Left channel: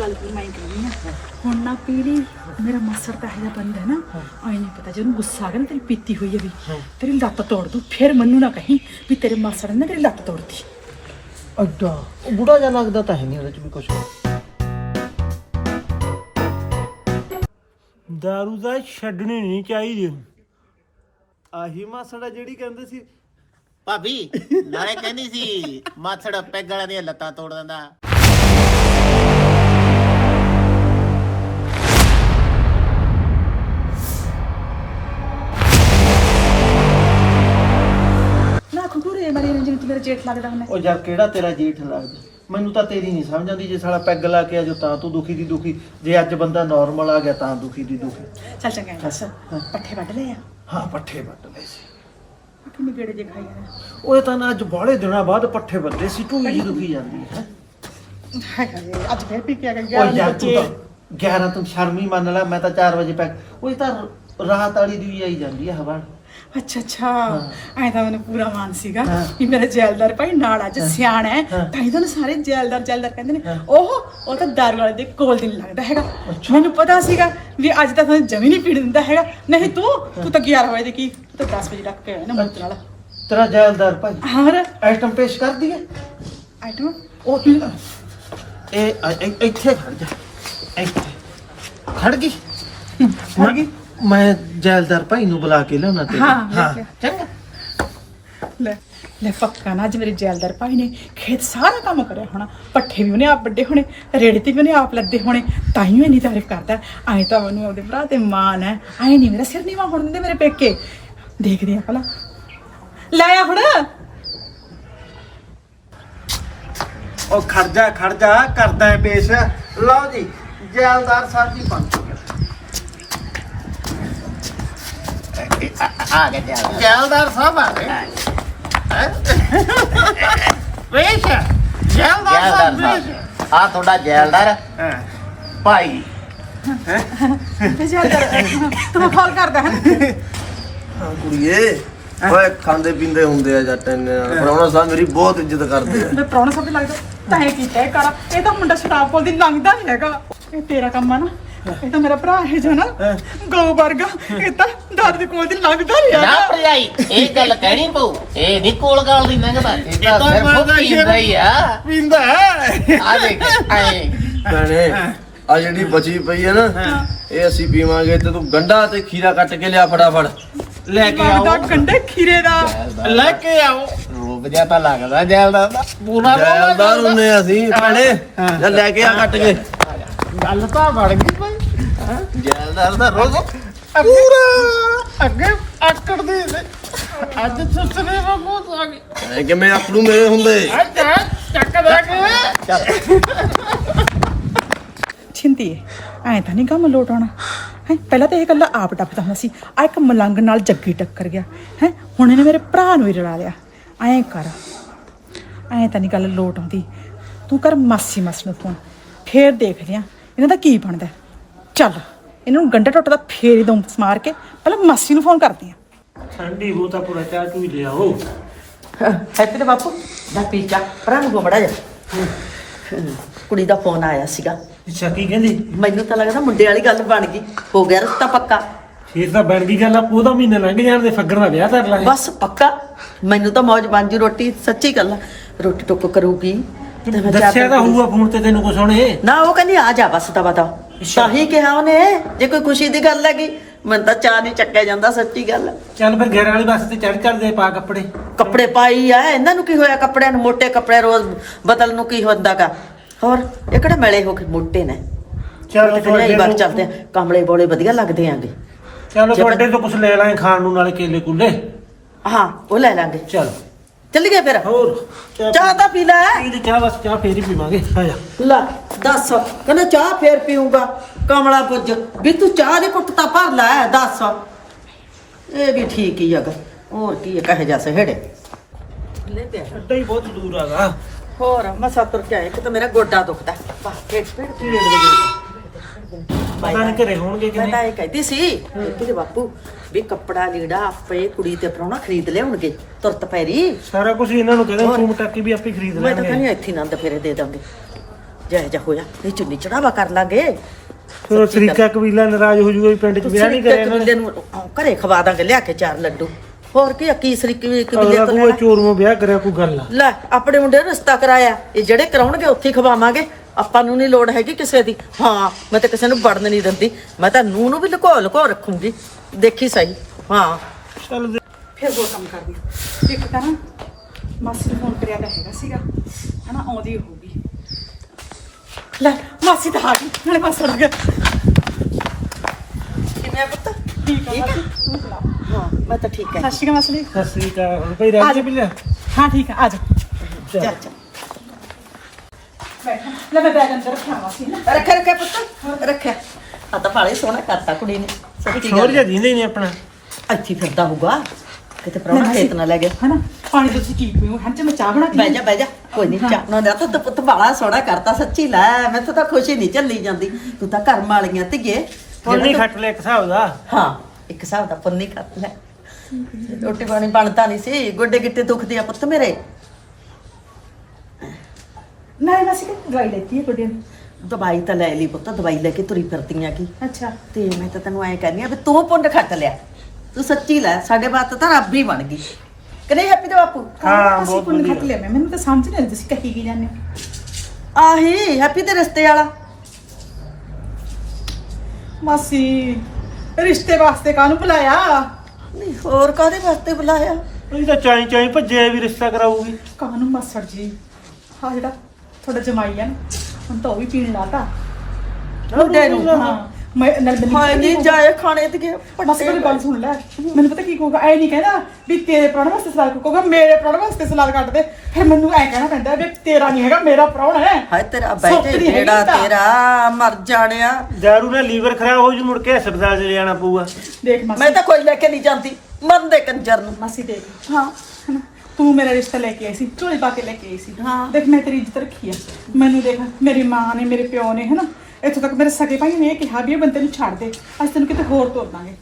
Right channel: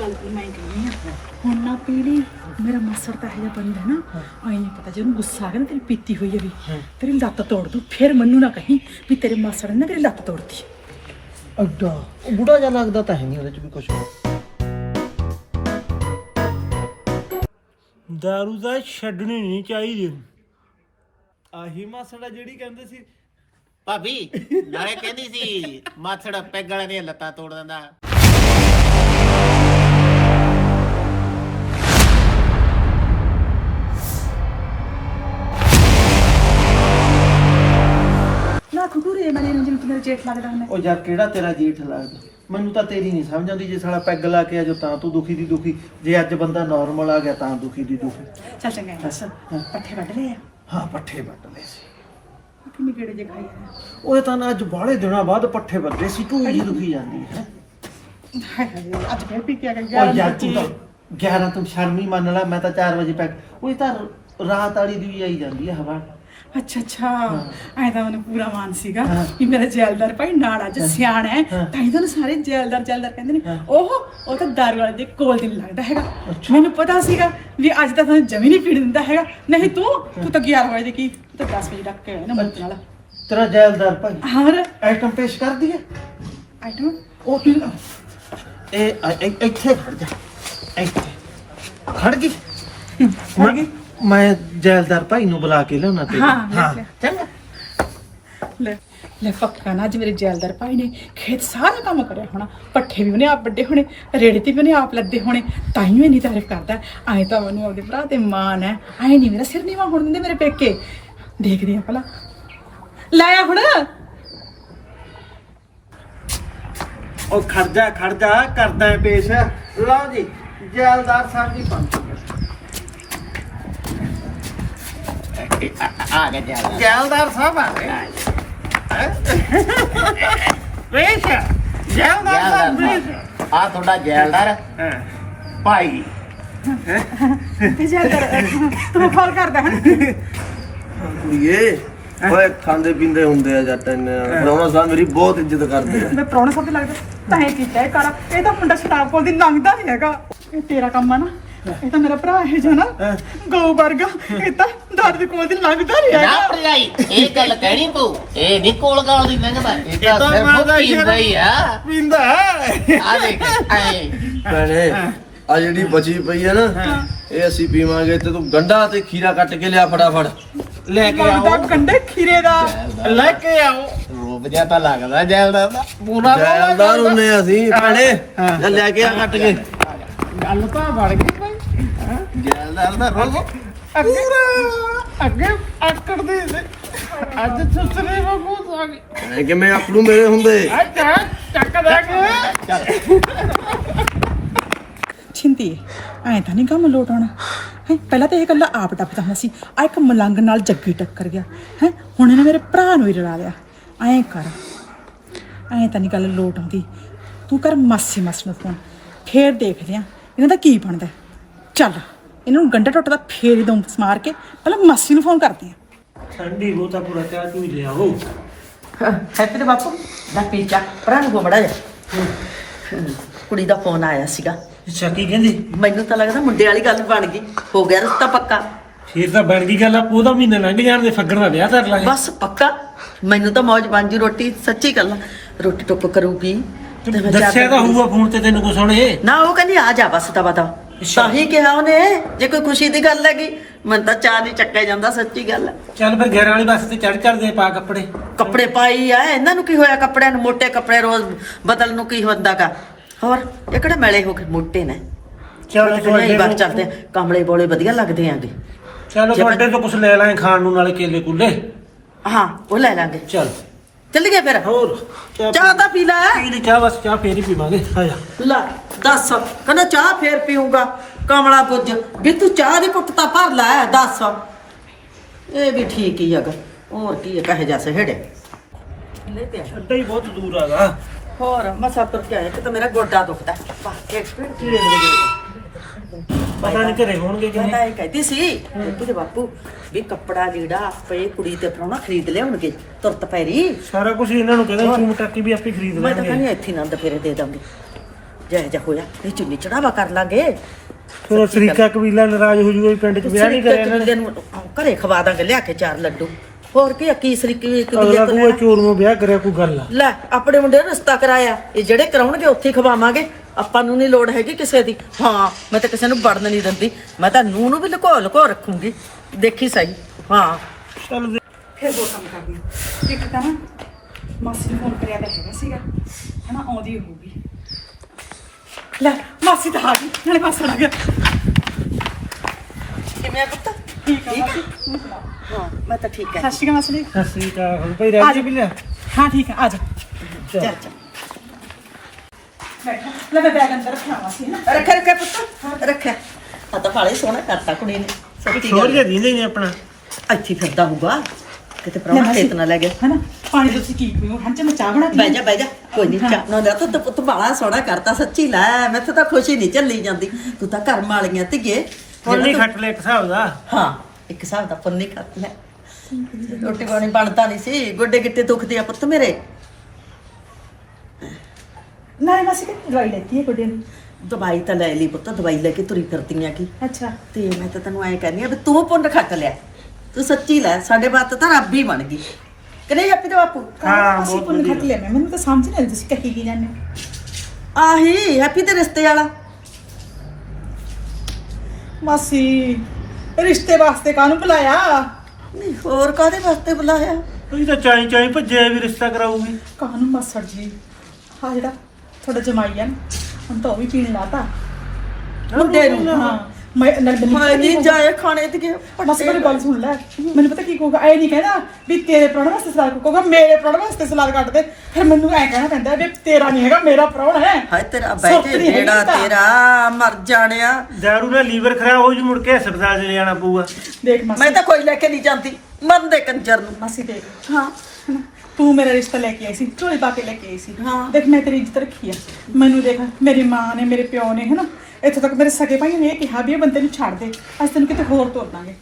ਗੱਲ ਫਿਰ ਮੈਂ ਕਹਿੰਦੀ ਆ ਹੁਣ ਨਾ ਪੀੜੀ ਮੇਰਾ ਮਾਸੜ ਤਾਂ ਇਹਦਾ ਬੰਦਾ ਨਾ ਆਈ ਨਹੀਂ ਪਤਾ ਜੇ ਉਹਨੂੰ ਗੁੱਸਾ ਆ ਗਿਆ ਨਾ ਤੇਰੀ ਪੀਤੀ ਹੋਈ ਹੈ ਵੀ ਤੇਰੀ ਲੱਤ ਤੋੜ ਦੂ ਫਿਰ ਮੈਨੂੰ ਨਾ ਕਹੀਂ ਵੀ ਤੇਰੇ ਮਾਸੜ ਨੇ ਨਾ ਤੇਰੀ ਲੱਤ ਤੋੜਤੀ। ਅੱਡਾ ਉਹ ਬੁੜਾ ਜਿਹਾ ਲੱਗਦਾ ਤਾਂ ਹੈ ਨਹੀਂ ਉਹਦੇ ਚ ਵੀ ਕੁਝ ਦਾਰੂ ਦਾ ਛੱਡਣੀ ਨਹੀਂ ਚਾਹੀਦੀ। ਆਹੀ ਮਾਸੜਾ ਜਿਹੜੀ ਕਹਿੰਦੇ ਸੀ ਭਾਬੀ ਨਾਲੇ ਕਹਿੰਦੀ ਸੀ ਮਾਥੜ ਪੈਗ ਵਾਲਿਆਂ ਦੀਆਂ ਲੱਤਾਂ ਤੋੜ ਦਿੰਦਾ। ਖੁਗੂਰੇ ਮਾਰੀ ਰੰਜਨ ਤੂੰ ਮੇਰੇ ਜੇਠ ਲੱਗਦਾ ਹੁੰਦਾ। ਉਹ ਯਾਰ ਕਿਹੜਾ ਤੇਰਾ ਜੀਠ ਲੱਗਦਾ? ਮੈਨੂੰ ਤਾਂ ਤੇਰੀ ਨਹੀਂ ਸਮਝ ਆਉਂਦੀ ਜੇ ਸਾਲਾ ਪੈਗ ਲਾ ਕੇ ਆਜੋ ਤਾਂ ਤੂੰ ਦੁਖੀ ਦੀ ਦੁਖੀ। ਜੇ ਅੱਜ ਬੰਦਾ ਨਾਰਮਲ ਆ ਗਿਆ ਤਾਂ ਦੁਖੀ ਦੀ ਦੁਖੀ। ਚੱਲ ਚੰਗਾ ਹੈ। ਬਸ ਪੱਠੇ ਵੱਢ ਲਏ ਆ। ਹਾਂ ਪੱਠੇ ਵੱਟ ਲਏ ਸੀ। ਕਿੰਨੇ ਗੇੜੇ ਜੇ ਖਾਈ ਆ। ਉਹ ਤਾਂ ਨਾ ਅੱਜ ਬਾਹਲੇ ਦਿਨਾਂ ਬਾਅਦ ਪੱਠੇ ਵੱਡੇ ਸੀ ਤੂੰ ਜੀ ਦੁਖੀ ਜਾਂਦੀ ਹੈ। ਹਾਏ ਹਾਏ ਅੱਜ ਫੇਰ ਪੀ ਕੇ ਆ ਗਿਆ ਉਹ ਯਾਰ ਤੂੰ ਤਾਂ 11 ਤੂੰ ਸ਼ਰਮੀ ਮੰਨ ਲੈ ਮੈਂ ਤਾਂ 4 ਵਜੇ ਪੈਗ ਉਹ ਤਾਂ ਰਾਤ ਵਾਲੀ ਦੀ ਆਈ ਜਾਂਦੀ ਹੈ ਹਵਾ। ਅੱਛਾ ਅੱਛਾ। ਐ ਤਾਂ ਮੈਨੂੰ ਪੂਰਾ ਮਾਨ ਸੀਗਾ ਹਾਂ। ਕਿ ਮੇਰਾ ਜੈਲਦਾਰ ਭਾਈ ਨਾਲ ਅੱਜ ਸਿਆਣਾ ਹੈ। ਹਾਂ। ਤਾਂ ਹੀ ਤੁਹਾਨੂੰ ਸਾਰੇ ਜੈਲਦਾਰ ਜੈਲਦਾਰ ਕਹਿੰਦੇ ਨੇ ਉਹ ਉਹ ਤਾਂ ਦਾਰੂ ਵਾਲੇ ਦੇ ਕੋਲ ਦੀ ਨਹੀਂ ਲੱਗਦਾ ਹੈਗਾ। ਮੈਨੂੰ ਪਤਾ ਸੀਗਾ ਵੀ ਅੱਜ ਤਾਂ ਤੁਹਾਨੂੰ ਜਮੀ ਨਹੀਂ ਪੀਣ ਦਿੰਦਾ ਹੈਗਾ। ਨਹੀਂ ਤੂੰ ਤੂੰ ਤਾਂ 11 ਵਜੇ ਦੇ ਕੀ ਤੂੰ ਤਾਂ 10 ਵਜੇ ਤੱਕ ਆਇਆ ਨਾ ਮੁੰਡੇ ਨਾਲ ਤੇਰਾ ਜੈਲਦਾਰ ਭਾਈ। ਹਰ? ਆਈਟਮ ਪੇਸ਼ ਕਰ ਦਈਏ ਆਈਟਮ ਉਹ ਤੂੰ ਇਹ ਇੱਥੇ ਖੜ ਜਾ। ਇੱਥੇ। ਖੜ ਗਈ? ਖੜ ਗਈ? ਮੈਂ ਜੈਲਦਾਰ ਭਾਈ ਨੂੰ ਬੁਲਾ ਕੇ ਲਿਆਉਣਾ ਤੇ ਹਾਂ, ਲੈ ਕੇ। ਚੰਗਾ। ਲੈ ਲੈ ਪੱਕਾ ਨਾ ਅੱਜ ਮੇਰੇ ਜੈਲਦਾਰ ਭਾਈ ਨੇ ਖੇਤ ਸਾਰਾ ਕੰਮ ਕਰਿਆ ਹੋਣਾ। ਪੱਠੇ ਵੀ ਉਹਨੇ ਆਪ ਵੱਡੇ ਹੋਣੇ ਰੇੜੇ ਤੇ ਵੀ ਉਹਨੇ ਆਪ ਲੱਦੇ ਹੋਣੇ। ਤਾਂ ਹੀ ਇੰਨੀ ਤਾਰੀਫ ਕਰਦਾ ਐ ਤਾਂ ਮੈਨੂੰ ਆਪਦੇ ਭਰਾ ਤੇ ਮਾਣ ਹੈ। ਐ ਨਹੀਂ ਮੇਰਾ ਸਿਰ ਨੀਵਾ ਹੋਣ ਦਿੰਦੇ ਮੇਰੇ ਪੇਕੇ। ਦੇਖਦੀ ਆ ਭਲਾ। ਲੈ ਆ ਹੁਣ। ਉਹ ਖੜ ਜਾ ਖੜ ਜਾ ਕਰਦਾ ਹੈ ਪੇਸ਼। ਲਓ ਜੀ ਜੈਲਦਾਰ ਸਾਹਿਬ ਜੀ ਪਹੁੰਚ ਗਏ ਆ ਗਿਆ ਜਾ ਜੈਲਦਾਰ ਸਾਹਿਬ ਆ ਗਏ। ਪੇਸ਼ ਜੈਲਦਾਰ ਸਾਹਿਬ ਪੇਸ਼ ਆ। ਤੁਹਾਡਾ ਜੈਲਦਾਰ ਹਾਂ। ਭਾਈ। ਤੇ ਜੈਲਦਾਰ ਤੂੰ ਫੋਨ ਕਰਦਾ ਹੈ। ਕੁੜੀਏ ਓਏ ਖਾਂਦੇ ਪੀਂਦੇ ਹੁੰਦੇ ਆ ਜੱਟ ਇੰਨੇ ਪ੍ਰਾਹੁਣਾ ਸਾਹਿਬ ਮੇਰੀ ਬਹੁਤ ਇੱਜ਼ਤ ਕਰਦੇ ਆ। ਮੈਂ ਪ੍ਰਾਹੁਣਾ ਸਾਹਿਬ ਦੇ ਲੱਗਦਾ ਤਾਂ ਇਹ ਕੀਤਾ ਇਹ ਕਰਾ। ਇਹ ਤਾਂ ਮੁੰਡਾ ਸ਼ਰਾਬ ਕੋਲ ਦੀ ਲੰਘਦਾ ਨਹੀਂ ਹੈਗਾ। ਇਹ ਤੇਰਾ ਕੰਮ ਆ ਨਾ। ਇਹ ਤਾਂ ਮੇਰਾ ਭਰਾ ਹੈ ਜਨਾ। ਗਊ ਵਰਗਾ। ਇਹ ਤਾਂ ਦਾਦੀ ਦੇ ਕੋਲ ਦੀ ਲੰਘਦਾ ਨਹੀਂ ਨਾ ਹੈਗਾ ਭਰਜਾਈ ਇਹ ਗੱਲ ਕਹਿਣੀ ਪਊ। ਇਹ ਨਹੀਂ ਕੋਲ ਗਾਲ ਦੀ ਲੰਘਦਾ। ਇਹ ਤਾਂ ਸਿਰਫ ਮਾਰਦਾ ਪੀਂਦਾ ਹੀ ਆ। ਪੀਂਦਾ ਹੈ। ਆ ਦੇਖ ਐ ਭੈਣੇ ਆ ਜਿਹੜੀ ਬਚੀ ਪਈ ਹੈ ਨਾ ਇਹ ਅਸੀਂ ਪੀਵਾਂਗੇ ਤੇ ਤੂੰ ਗੰਡਾ ਤੇ ਖੀਰਾ ਕੱਟ ਕੇ ਲਿਆ ਫਟਾਫਟ। ਲੈ ਕੇ ਲੱਗਦਾ ਆਓ। ਗੰਡੇ ਖੀਰੇ ਦਾ। ਲੈ ਕੇ ਆਓ। ਰੂਪ ਜਿਹਾ ਤਾਂ ਲੱਗਦਾ ਜੈਲਦਾਰ ਦਾ। ਪੂਰਾ ਜੈਲਦਾਰ ਹੁੰਨੇ ਅਸੀਂ ਭੈਣੇ। ਜਾ ਲੈ ਕੇ ਆ ਕੱਟ ਕੇ। ਗੱਲ ਤਾਂ ਬਣ ਗਈ। ਜੈਲਦਾਰ ਦਾ ਰੋਜ਼ ਅੱਗੇ ਅੱਗੇ ਆਕੜ ਦੇ ਲੈ। ਅੱਜ ਸੁਸਰੇ ਵਾਂਗੂ ਆ ਗਈ ਐ ਕਿਵੇਂ ਆਪਣੂ ਮੇਰੇ ਹੁੰਦੇ? ਅੱਜ ਚੱਕ ਦੇ ਕੇ ਛਿੰਦੀ ਐ ਤਾਂ ਨਹੀਂ ਕੰਮ ਲੋਟ ਆਉਣਾ। ਹੈ ਪਹਿਲਾਂ ਤਾਂ ਇਹ ਗੱਲਾਂ ਆਪ ਟੱਪਦਾ ਹੁੰਦਾ ਸੀ। ਆ ਇੱਕ ਮਲੰਗ ਨਾਲ ਜੱਗੀ ਟੱਕਰ ਗਿਆ। ਹੈ ਹੁਣ ਇਹਨੇ ਮੇਰੇ ਭਰਾ ਨੂੰ ਹੀ ਰਲਾ ਲਿਆ। ਐਂ ਕਰ। ਐਂ ਤਾਂ ਨਹੀਂ ਗੱਲ ਲੋਟ ਆਉਂਦੀ। ਤੂੰ ਕਰ ਮਾਸੀ ਮਾਸ ਨੂੰ ਫੋਨ ਫੇਰ ਦੇਖਦੇ ਆ। ਇਹਨਾਂ ਦਾ ਕੀ ਬਣਦਾ? ਚੱਲ ਇਹਨਾਂ ਨੂੰ ਗੰਡਾ ਟੁੱਟਦਾ ਫੇਰ ਹੀ ਦਮ ਮਾਰ ਕੇ ਪਹਿਲਾਂ ਮਾਸੀ ਨੂੰ ਫੋਨ ਕਰਦੀ ਆ ਠੰਡੀ ਹੋ ਤਾਂ ਪੂਰਾ ਚਾਹ ਤੂੰ ਲਿਆਓ। ਹੈਪੀ ਦੇ ਬਾਪੂ? ਦਾ ਪੀਚਾ ਪਰਾਂ ਨੂੰ ਘੁੰਮੜਾ ਜਾ। ਕੁੜੀ ਦਾ ਫੋਨ ਆਇਆ ਸੀਗਾ। ਅੱਛਾ ਕੀ ਕਹਿੰਦੀ? ਮੈਨੂੰ ਤਾਂ ਲੱਗਦਾ ਮੁੰਡੇ ਵਾਲੀ ਗੱਲ ਬਣ ਗਈ। ਹੋ ਗਿਆ ਰਸਤਾ ਪੱਕਾ। ਫੇਰ ਤਾਂ ਬਣ ਗਈ ਗੱਲ ਆ ਉਹਦਾ ਮਹੀਨਾ ਲੰਘ ਜਾਣ ਦੇ ਫੱਗਰ ਦਾ ਵਿਆਹ ਕਰ ਲਾਂਗੇ। ਬਸ ਪੱਕਾ। ਮੈਨੂੰ ਤਾਂ ਮੌਜ ਬਣ ਜੀ ਰੋਟੀ ਸੱਚੀ ਗੱਲ ਆ। ਰੋਟੀ ਟੁੱਕ ਕਰੂਗੀ। ਤੇ ਮੈਂ ਚਾਰ ਦੱਸਿਆ ਤਾਂ ਹੋਊਗਾ ਫੋਨ ਤੇ ਤੈਨੂੰ ਕੁਛ ਹੁਣੇ ਨਾ ਉਹ ਕਹਿੰਦੀ ਆ ਜਾ ਬਸ ਤਾਂ ਬਤਾ ਅੱਛਾ। ਤਾਂ ਕਿਹਾ ਉਹਨੇ ਜੇ ਕੋਈ ਖੁਸ਼ੀ ਦੀ ਗੱਲ ਹੈਗੀ ਮੈਨੂੰ ਤਾਂ ਚਾਹ ਨਹੀਂ ਚੱਕਿਆ ਜਾਂਦਾ ਸੱਚੀ ਗੱਲ। ਚੱਲ ਫਿਰ ਘਰ ਵਾਲੀ ਬੱਸ ਤੇ ਚੜ ਚੜਦੇ ਪਾ ਕੱਪੜੇ। ਕੱਪੜੇ ਪਾਈ ਆ ਇਹਨਾਂ ਨੂੰ ਕੀ ਹੋਇਆ ਕੱਪੜਿਆਂ ਨੂੰ? ਮੋٹے ਕੱਪੜੇ ਰੋਜ਼ ਬਦਲ ਨੂੰ ਕੀ ਹੁੰਦਾ ਹੁੰਦਾਗਾ? ਹੋਰ ਇਹ ਕਿਹੜਾ ਮਲੇ ਹੋ ਕੇ ਮੋٹے ਨੇ। ਚਲੋ ਤੁਹਾਡੇ ਬਾਹਰ ਚੱਲਦੇ ਕਮਲੇ ਬੋਲੇ ਵਧੀਆ ਲੱਗਦੇ ਆਂਗੇ। ਚਲੋ ਤੁਹਾਡੇ ਤੋਂ ਕੁਝ ਲੈ ਲਾਂਗੇ ਖਾਣ ਨੂੰ ਨਾਲੇ ਕੇਲੇ ਕੁਲੇ। ਹਾਂ ਉਹ ਲੈ ਲਾਂਗੇ। ਚਲੋ। ਚੱਲ ਗਏ ਫਿਰ। ਹੋਰ ਚਾਹ ਤਾਂ ਪੀ ਲੈ। ਪੀ ਲਈ ਚਾਹ ਬਸ ਚਾਹ ਫੇਰ ਹੀ ਪੀਵਾਂਗੇ ਆ ਜਾ। ਲੈ ਦੱਸ ਕਹਿੰਦਾ ਚਾਹ ਫੇਰ ਪੀਊਗਾ ਕਮਲਾ ਪੁੱਜ। ਵੀ ਤੂੰ ਚਾਹ ਦੀ ਕੁੱਟ ਤਾਂ ਭਰ ਲੈ ਦੱਸ। ਇਹ ਵੀ ਠੀਕ ਹੀ ਹੈਗਾ। ਹੋਰ ਕੀ ਹੈ ਕਹੇ ਜਾ ਸਹੇੜੇ। ਲੈ ਪਿਆ। ਅੱਡਾ ਹੀ ਬਹੁਤ ਦੂਰ ਆਗਾ ਹੋਰ ਮੈਂ ਸੱਤਰ ਕੇ ਆਇਆ ਕਿ ਤਾਂ ਮੇਰਾ ਗੋਡਾ ਦੁਖਦਾ। ਵਾਹ ਫੇਰ ਫੇਰ ਕੀ ਵੇੜ ਦੇ ਪਤਾ ਨਹੀਂ ਘਰੇ ਹੋਣਗੇ ਕਿ ਮੈਂ ਨਹੀਂ ਤਾਂ ਇਹ ਕਹਿੰਦੀ ਸੀ ਕਿ ਬਾਪੂ ਵੀ ਕੱਪੜਾ ਲੀੜਾ ਆਪੇ ਕੁੜੀ ਤੇ ਪ੍ਰਾਹੁਣਾ ਖਰੀਦ ਲਿਆਉਣਗੇ ਤੁਰਤ ਪੈਰੀ। ਸਾਰਾ ਕੁਝ ਇਹਨਾਂ ਨੂੰ ਕਹਿੰਦੇ ਫੋਨ ਟੱਕੀ ਵੀ ਆਪੇ ਖਰੀਦ ਮੈਂ ਤਾਂ ਲੈਣਗੇ। ਕਹਿੰਦੀ ਇੱਥੇ ਨੰਦ ਫੇਰੇ ਦੇ ਦਾਂਗੇ। ਜੈ ਜੈ ਹੋਇਆ ਇਹ ਚੁੰਨੀ ਚੜਾਵਾ ਕਰ ਲਾਂਗੇ। ਫਿਰ ਉਹ ਸ਼ਰੀਕਾ ਕਬੀਲਾ ਨਾਰਾਜ਼ ਹੋ ਜੂਗਾ ਵੀ ਪਿੰਡ 'ਚ ਵਿਆਹ ਨਹੀਂ ਕਰਿਆ ਇਹਨਾਂ ਨੇ। ਨੇ ਘਰੇ ਖਵਾ ਦਾਂਗੇ ਲਿਆ ਕੇ ਚਾਰ ਲੱਡੂ। ਹੋਰ ਕੀ ਆ, ਕੀ ਸਰੀਕੀ ਅਗਲਾ ਕਹੂਗਾ ਚੋਰ ਨੂੰ ਵਿਆਹ ਕਰਿਆ ਕੋਈ ਗੱਲ ਆ। ਲੈ ਆਪਣੇ ਮੁੰਡੇ ਨੂੰ ਰਿਸ਼ਤਾ ਕਰਾਇਆ। ਇਹ ਜਿਹੜੇ ਕਰਾਉਣਗੇ ਉੱਥੇ ਹੀ ਖਵਾਵਾਂਗੇ। ਆਪਾਂ ਨੂੰ ਨਹੀਂ ਲੋੜ ਹੈਗੀ ਕਿਸੇ ਦੀ। ਹਾਂ ਮੈਂ ਤਾਂ ਕਿਸੇ ਨੂੰ ਵੜਨ ਨਹੀਂ ਦਿੰਦੀ। ਮੈਂ ਤਾਂ ਨੂੰ ਨੂੰ ਵੀ ਲੁਕੋ ਲੁਕੋ ਰੱਖੂੰਗੀ। ਦੇਖੀ ਸਹੀ। ਹਾਂ। ਚੱਲ ਫਿਰ ਦੋ ਕੰਮ ਕਰਦੀ ਹਾਂ। ਇੱਕ ਤਾਂ ਨਾ ਮਾਸੀ ਨੂੰ ਫੋਨ ਕਰਿਆ ਤਾਂ ਹੈਗਾ ਸੀਗਾ। ਹਨਾ ਆਉਂਦੀ ਹੋਊਗੀ। ਲੈ ਮਾਸੀ ਤਾਂ ਆ ਗਈ। ਨਾਲੇ ਮਾਸੀ ਆ ਗਿਆ ਕਿਵੇਂ ਆ ਪੁੱਤ? ਠੀਕ ਆ ਮਾਸੀ ਤੂੰ ਸੁਣਾ। ਹਾਂ ਮੈਂ ਤਾਂ ਠੀਕ ਹੈ ਸਤਿ ਸ਼੍ਰੀ ਅਕਾਲ ਮਾਸੀ। ਜੀ। ਸਤਿ ਸ੍ਰੀ ਅਕਾਲ। ਭਾਈ ਰਾਜੀ ਬਿਲਿਆ ਹਾਂ ਠੀਕ ਆ ਆ ਜਾ ਚੱਲ ਚੱਲ। ਲੈ ਮੈਂ ਬੈਗ ਅੰਦਰ ਰੱਖਿਆ ਮਾਸੀ ਹੈ ਨਾ। ਰੱਖਿਆ ਰੱਖਿਆ ਪੁੱਤ ਰੱਖਿਆ। ਆ ਤਾਂ ਭਾਲੇ ਸੋਹਣਾ ਕਰਤਾ ਕੁੜੀ ਨੇ ਸੱਚੀ ਹੋਰ ਗੱਲ ਜਿਹਾ ਦਿੰਦੇ ਹੀ ਨੇ ਆਪਣਾ। ਇੱਥੇ ਫਿਰਦਾ ਹੋਊਗਾ ਕਿਤੇ ਪ੍ਰਾਹੁਣਾ ਖੇਤ ਨਾ ਲੈ ਗਿਆ। ਹਨਾ ਪਾਣੀ ਤੁਸੀਂ ਕੀ ਪੀਓ ਹਾਂ ਚ ਮੈਂ ਚਾਹ ਬਣਾ ਕੇ ਬਹਿ ਜਾ ਬਹਿ ਜਾ ਕੋਈ ਨਹੀਂ ਚਾਹਨਾ ਦਾ ਤਾਂ ਪੁੱਤ ਬਾਲਾ ਸੋਹਣਾ ਕਰਤਾ ਸੱਚੀ ਲੈ ਮੈਥੋਂ ਤਾਂ ਖੁਸ਼ੀ ਨਹੀਂ ਚੱਲੀ ਜਾਂਦੀ। ਤੂੰ ਤਾਂ ਘਰ ਮਾਲੀਆਂ ਧੀਏ। ਪੁੰਨੀ ਖੱਟ ਲੈ ਇੱਕ ਹਿਸਾਬ ਦਾ। ਤੂੰ- ਹਾਂ ਇੱਕ ਹਿਸਾਬ ਦਾ ਪੁੰਨੀ ਕੱਟ ਲੈ ਰੋਟੀ ਪਾਣੀ ਬਣਦਾ ਨਹੀਂ ਸੀ ਗੋਡੇ ਗਿੱਟੇ ਦੁਖਦੇ ਆ ਪੁੱਤ ਮੇਰੇ। ਨਹੀਂ ਮਾਸੀ ਕਿ ਦਵਾਈ ਲੈਤੀ ਹੈ ਕੁੜੀ ਨੇ। ਦਵਾਈ ਤਾਂ ਲੈ ਲਈ ਪੁੱਤ ਦਵਾਈ ਲੈ ਕੇ ਤੁਰੀ ਫਿਰਦੀਆਂ ਕੀ। ਅੱਛਾ। ਤੇ ਮੈਂ ਤਾਂ ਤੈਨੂੰ ਐਂ ਕਹਿੰਦੀ ਆ ਵੀ ਤੂੰ ਪੁੰਨ ਖੱਟ ਲਿਆ। ਤੂੰ ਸੱਚੀ ਲੈ ਸਾਡੇ ਬਾਤ ਤਾਂ ਰੱਬ ਹੀ ਬਣ ਗਈ। ਕਿ ਨਹੀਂ ਹੈਪੀ ਤੇ ਬਾਪੂ? ਹਾਂ ਮਾਸੀ ਪੁੰਨ ਖੱਟ ਲਿਆ ਮੈਂ। ਮੈਨੂੰ ਤਾਂ ਸਮਝ ਨਹੀਂ ਆਉਂਦੀ ਤੁਸੀਂ ਕਹੀ ਕੀ ਜਾਂਦੇ ਹੋ। ਆਹੀ ਹੈਪੀ ਤੇ ਰਿਸ਼ਤੇ ਵਾਲਾ। ਮਾਸੀ ਰਿਸ਼ਤੇ ਵਾਸਤੇ ਕਾਹਨੂੰ ਬੁਲਾਇਆ? ਨਹੀਂ ਹੋਰ ਕਾਹਦੇ ਵਾਸਤੇ ਬੁਲਾਇਆ? ਤੁਸੀਂ ਤਾਂ ਚਾਈ ਚਾਈ ਭੱਜੇ ਵੀ ਰਿਸ਼ਤਾ ਕਰਾਊਗੀ। ਕਾਹਨੂੰ ਮੱਸੜ ਜੀ? ਹਾਂ ਜਿਹੜਾ ਤੁਹਾਡਾ ਜਮਾਈ ਹੈ ਨਾ ਹੁਣ ਤਾਂ ਉਹ ਵੀ ਪੀਣ ਲਾਤਾ। ਮੁੰਡੇ ਨੂੰ ਹਾਂ। ਮੈਂ ਨਾਲ ਮੈਨੂੰ ਹਾਏ ਕੀ ਨਹੀਂ ਕਹੂਗਾ। ਜਾਏ ਖਾਣੇ ਤੇ ਮਾਸੀ ਮੇਰੀ ਗੱਲ ਸੁਣ ਲੈ ਮੈਨੂੰ ਪਤਾ ਕੀ ਕਹੂਗਾ ਐ ਨਹੀਂ ਕਹਿੰਦਾ ਵੀ ਤੇਰੇ ਪ੍ਰਾਹੁਣੇ ਵਾਸਤੇ ਸਲਾਦ ਕਹੂਗਾ ਮੇਰੇ ਪ੍ਰਾਹੁਣੇ ਵਾਸਤੇ ਸਲਾਦ ਕੱਟ ਦੇ। ਫਿਰ ਮੈਨੂੰ ਐ ਕਹਿਣਾ ਪੈਂਦਾ ਵੀ ਤੇਰਾ ਨਹੀਂ ਹੈਗਾ ਮੇਰਾ ਪ੍ਰਾਹੁਣਾ ਹੈ। ਹਾਏ ਤੇਰਾ ਸੁੱਤ ਬੈਠੇ ਨੀ ਹੈਗੀ ਜਿਹੜਾ ਤਾਂ। ਤੇਰਾ ਮਰ ਜਾਣਿਆ। ਦਾਰੂ ਨਾਲ ਲੀਵਰ ਖਰਾਬ ਹੋ ਜੂ ਮੁੜ ਕੇ ਹਸਪਤਾਲ 'ਚ ਲਿਆਣਾ ਪਊਗਾ। ਦੇਖ ਮਾਸੀ। ਮੈਂ ਤਾਂ ਕੋਈ ਲੈ ਕੇ ਨਹੀਂ ਜਾਂਦੀ ਮਰਨ ਦੇ ਕੰਜਰ ਨੂੰ। ਮਾਸੀ ਦੇਖ। ਹਾਂ। ਹਨਾ, ਤੂੰ ਮੇਰਾ ਰਿਸ਼ਤਾ ਲੈ ਕੇ ਆਈ ਸੀ ਝੋਲੀ ਪਾ ਕੇ ਲੈ ਕੇ ਆਈ ਸੀ। ਹਾਂ। ਦੇਖ ਮੈਂ ਤੇਰੀ ਇੱਜ਼ਤ ਰੱਖੀ ਆ। ਮੈਨੂੰ ਦੇਖ ਮੇਰੀ ਮਾਂ ਨੇ ਮੇਰੇ ਪਿਓ ਨੇ ਹਨਾ? ਇੱਥੇ ਤੱਕ ਮੇਰੇ ਸਕੇ ਭਾਈਆਂ ਨੇ ਇਹ ਕਿਹਾ ਵੀ ਇਹ ਬੰਦੇ ਨੂੰ ਛੱਡ ਦੇ ਅਸੀਂ ਤੈਨੂੰ ਕਿਤੇ ਹੋਰ ਤੋਰ ਦਾਂਗੇ।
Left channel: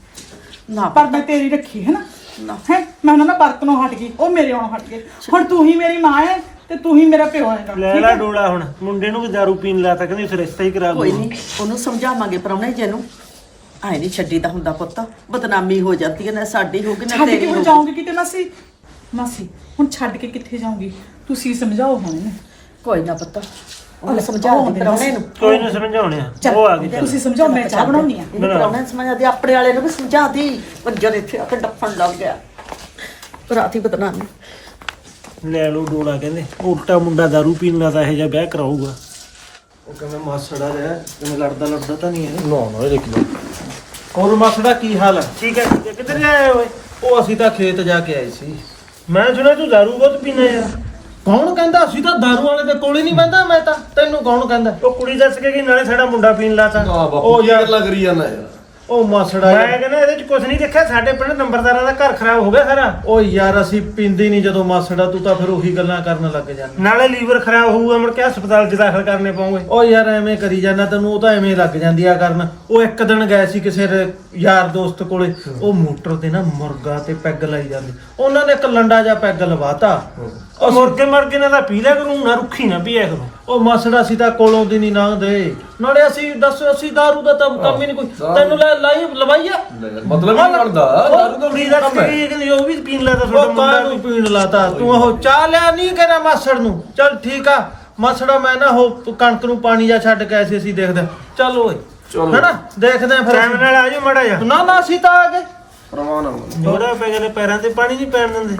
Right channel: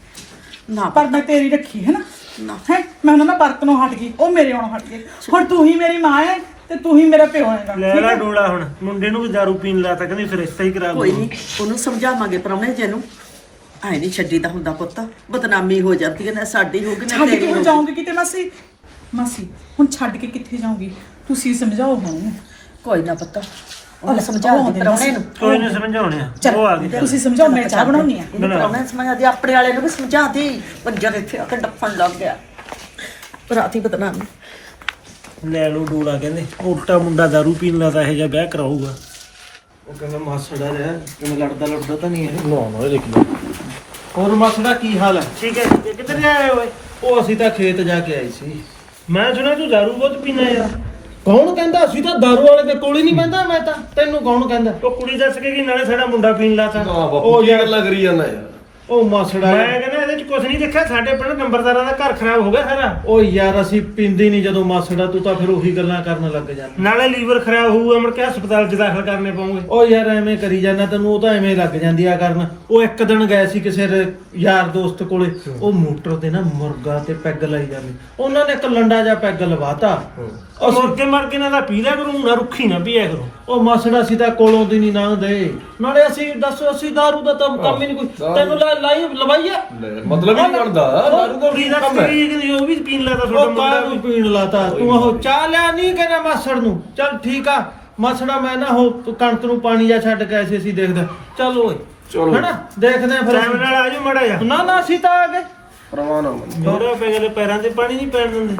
ਨਾ। ਪਰ ਮੈਂ ਤੇਰੀ ਰੱਖੀ ਹੈ ਨਾ। ਨਾ। ਹੈ? ਮੈਂ ਉਹਨਾਂ ਨਾਲ ਵਰਤ ਨੂੰ ਹਟ ਗਈ ਉਹ ਮੇਰੇ ਆਉਣੋਂ ਹਟ ਗਏ। ਹੁਣ ਤੂੰ ਹੀ ਮੇਰੀ ਮਾਂ ਹੈ ਤੇ ਤੂੰ ਹੀ ਮੇਰਾ ਪਿਓ ਹੈਗਾ ਲੈ ਠੀਕ ਲੈ ਹੈ ਡੋਲਾ ਹੁਣ ਮੁੰਡੇ ਨੂੰ ਵੀ ਦਾਰੂ ਪੀਣ ਲਾਤਾ ਕਹਿੰਦੀ ਫਿਰ ਰਿਸ਼ਤਾ ਹੀ ਕਰਾ ਕੋਈ ਦੂੰ ਨਹੀਂ ਉਹਨੂੰ ਸਮਝਾਵਾਂਗੇ ਪ੍ਰਾਹੁਣੇ ਜੇ ਨੂੰ ਐ ਨਹੀਂ ਛੱਡੀਦਾ ਹੁੰਦਾ ਪੁੱਤ ਬਦਨਾਮੀ ਹੋ ਜਾਂਦੀ ਹੈ ਨਾ ਸਾਡੀ ਹੋਗੀ ਨਾ ਛੱਡ ਕੇ ਤੇਰੀ ਹੁਣ ਹੋਊਗੀ। ਜਾਉਂਗੀ ਕਿਤੇ ਮਾਸੀ? ਮਾਸੀ ਹੁਣ ਛੱਡ ਕੇ ਕਿੱਥੇ ਜਾਉਂਗੀ ਤੁਸੀਂ ਸਮਝਾਓ ਹੁਣ। ਕੋਈ ਨਾ ਪੁੱਤ ਉਹਨੂੰ ਲੈ, ਸਮਝਾ ਦੇ ਪ੍ਰਾਹੁਣੇ ਨੂੰ ਕੋਈ ਨਹੀਂ ਸਮਝਾਉਣੇ ਆ। ਚੱਲ ਉਹ ਆ ਗਈ ਤੁਸੀਂ ਸਮਝਾਓ ਮੈਂ ਚਾਹ ਬਣਾਉਣੀ ਆ। ਇਹਨੂੰ ਪ੍ਰਾਹੁਣੇ ਨੂੰ ਸਮਝਾ ਦੇ ਆਪਣੇ ਵਾਲੇ ਨੂੰ ਵੀ ਸਮਝਾ ਦੇ। ਪੰਜਰ ਇੱਥੇ ਆ ਕੇ ਡੱਫਣ ਲੱਗ ਗਿਆ ਰਾਤੀ ਬਦਨਾਮੀ। ਲੈ ਲਓ ਡੋਲਾ ਕਹਿੰਦੇ ਉਲਟਾ ਮੁੰਡਾ ਦਾਰੂ ਪੀਣ ਲਾਤਾ ਇਹ ਜਿਹਾ ਵਿਆਹ ਕਰਾਊਗਾ। ਉਹ ਕਿਵੇਂ ਮਾਸੜਾ ਰਿਹਾ ਕਿਵੇਂ ਲੜਦਾ ਲੜਦਾ ਤਾਂ ਨਹੀਂ ਇਹ। ਨਾ ਨਾ ਇਹ ਦੇਖ ਲਓ। ਹੋਰ ਮਾਸੜਾ ਕੀ ਹਾਲ ਹੈ? ਠੀਕ ਹੈ ਠੀਕ ਹੈ ਕਿੱਧਰ ਆਏ ਓਏ? ਉਹ ਅਸੀਂ ਤਾਂ ਖੇਤ ਜਾ ਕੇ ਆਏ ਸੀ। ਮੈਂ ਸੁਣਿਆ ਤੂੰ ਦਾਰੂ ਬਹੁਤ ਪੀਣਾ ਯਾਰ। ਕੌਣ ਕਹਿੰਦਾ? ਅਸੀਂ ਤਾਂ ਦਾਰੂ ਵਾਲੇ ਦੇ ਕੋਲ ਹੀ ਨਹੀਂ ਬਹਿੰਦਾ ਮੈਂ ਤਾਂ। ਤੈਨੂੰ ਕੌਣ ਕਹਿੰਦਾ? ਉਹ ਕੁੜੀ ਦੱਸ ਕੇ ਕਿ ਨਾਲੇ ਸਾਡਾ ਮੁੰਡਾ ਪੀਣ ਲਾਤਾ ਉਹ ਕੀ ਯਾਰ- ਗੱਲਾਂ ਕਰੀ ਜਾਂਦਾ ਯਾਰ? ਉਹ ਮਾਸੜਾ ਮੈਂ ਯਾਰ। ਕਹਿੰਦਾ ਇਹਦੇ ਚ ਕੁਝ ਨਹੀਂ ਦੇਖਿਆ ਸਾਡੇ ਪਿੰਡ ਨੰਬਰਦਾਰਾਂ ਦਾ ਘਰ ਖਰਾਬ ਹੋ ਗਿਆ ਸਾਰਾ। ਓ ਯਾਰ ਅਸੀਂ ਪੀਂਦੇ ਨਹੀਂ ਜਦੋਂ ਮਾਸੜਾ ਤੂੰ ਤਾਂ ਫਿਰ ਉਹੀ ਗੱਲਾਂ ਕਰਨ ਲੱਗ ਜਾਂਦਾ ਨਾਲੇ ਲੀਵਰ ਖਰਾਬ ਹੋਊਗਾ ਮੁੜ ਕੇ ਹਸਪਤਾਲ 'ਚ ਦਾਖਲ ਕਰਨੇ ਪਉਂਗੇ ਓ ਯਾਰ ਐਵੇਂ ਕਰੀ ਜਾਂਦਾ ਤੈਨੂੰ ਉਹ ਤਾਂ ਐਵੇਂ ਲੱਗ ਜਾਂਦੀ ਆ ਕਰਨ। ਉਹ ਇੱਕ ਦਿਨ ਗਏ ਸੀ ਕਿਸੇ ਰ- ਯਾਰ ਦੋਸਤ ਕੋਲੇ ਉਹ ਮੋਟਰ ਤੇ ਨਾ ਮੁਰਗਾ ਤੇ ਪੈਗ ਲਾਈ ਜਾਂਦੀ। ਉਹਨਾਂ ਨੇ ਇੱਕ ਲੰਡਾ ਜਿਹਾ ਪੈਗ ਲਵਾਤਾ। ਉਹ ਮੁਰਗੇ ਮਰਗੇ ਨਾਲ ਤਾਂ ਪੀ ਲਿਆ ਕਰੂੰ ਨਾ ਰੁੱਖੀ ਨਾ ਪੀਆ ਕਰੂੰ। ਉਹ ਮਾਸੜਾ ਸੀ ਤਾਂ ਕੋਲੋਂ ਦੀ ਨਹੀਂ ਲੰਘਦੇ ਨਾਲੇ ਅਸੀਂ ਦੱਸ ਅਸੀਂ ਦਾਰੂ ਦਾ ਤਾਂ ਕੰਮ ਹੀ ਨਹੀਂ ਕੋਈ। ਤੈਨੂੰ ਲੈ ਲਾਈ ਲਵਾਈ ਆ? ਲੈ ਯਾਰ, ਮਤਲਬ ਹੀ ਨਹੀਂ ਬਣਦਾ। ਦਾਰੂ ਦਾ ਦਾ ਕੰਮ ਹੈ? ਕਹਿੰਦੀ ਉਹ ਵੀ ਪੀਣ ਲਾਤਾ ਤੁਹਾਡਾ ਉਹ ਕਾਂ ਨੂੰ ਮੁੰਡਾ ਪੀਣ ਲਾਤਾ? ਤੂੰ ਉਹ ਚਾਹ ਲਿਆ ਨਹੀਂ ਕਹਿਣਾ ਮਾਸੜ ਨੂੰ। ਚੱਲ ਠੀਕ ਆ। ਮਾਸੜਾ ਮੈਂ ਨਾ ਉਹ ਕਣਕ ਨੂੰ ਪਾਣੀ ਜਾ ਛੱਡ ਕੇ ਆਏ ਸੀ ਅਸੀਂ ਦੇਖਦੇ ਚੱਲ ਓਏ। ਚਲੋ। ਹੈਨਾ? ਦੇਖਦੇ ਆ ਫਿਰ ਟਾਈਮ ਅਸੀਂ। ਨਾਲ ਆ ਮੜਾ ਜਾ ਨਾ ਨਾ ਅਸੀਂ ਤਾਂ ਆ ਗਏ। ਪਰਵਾਹ ਨਾ ਮੰਨ। ਥੋੜਾ ਪੈ ਗਏ ਪੈਰਾਂ ਤੇ ਪਾਣੀ ਨਹੀਂ ਪੈਣ ਦਿੰਦੇ।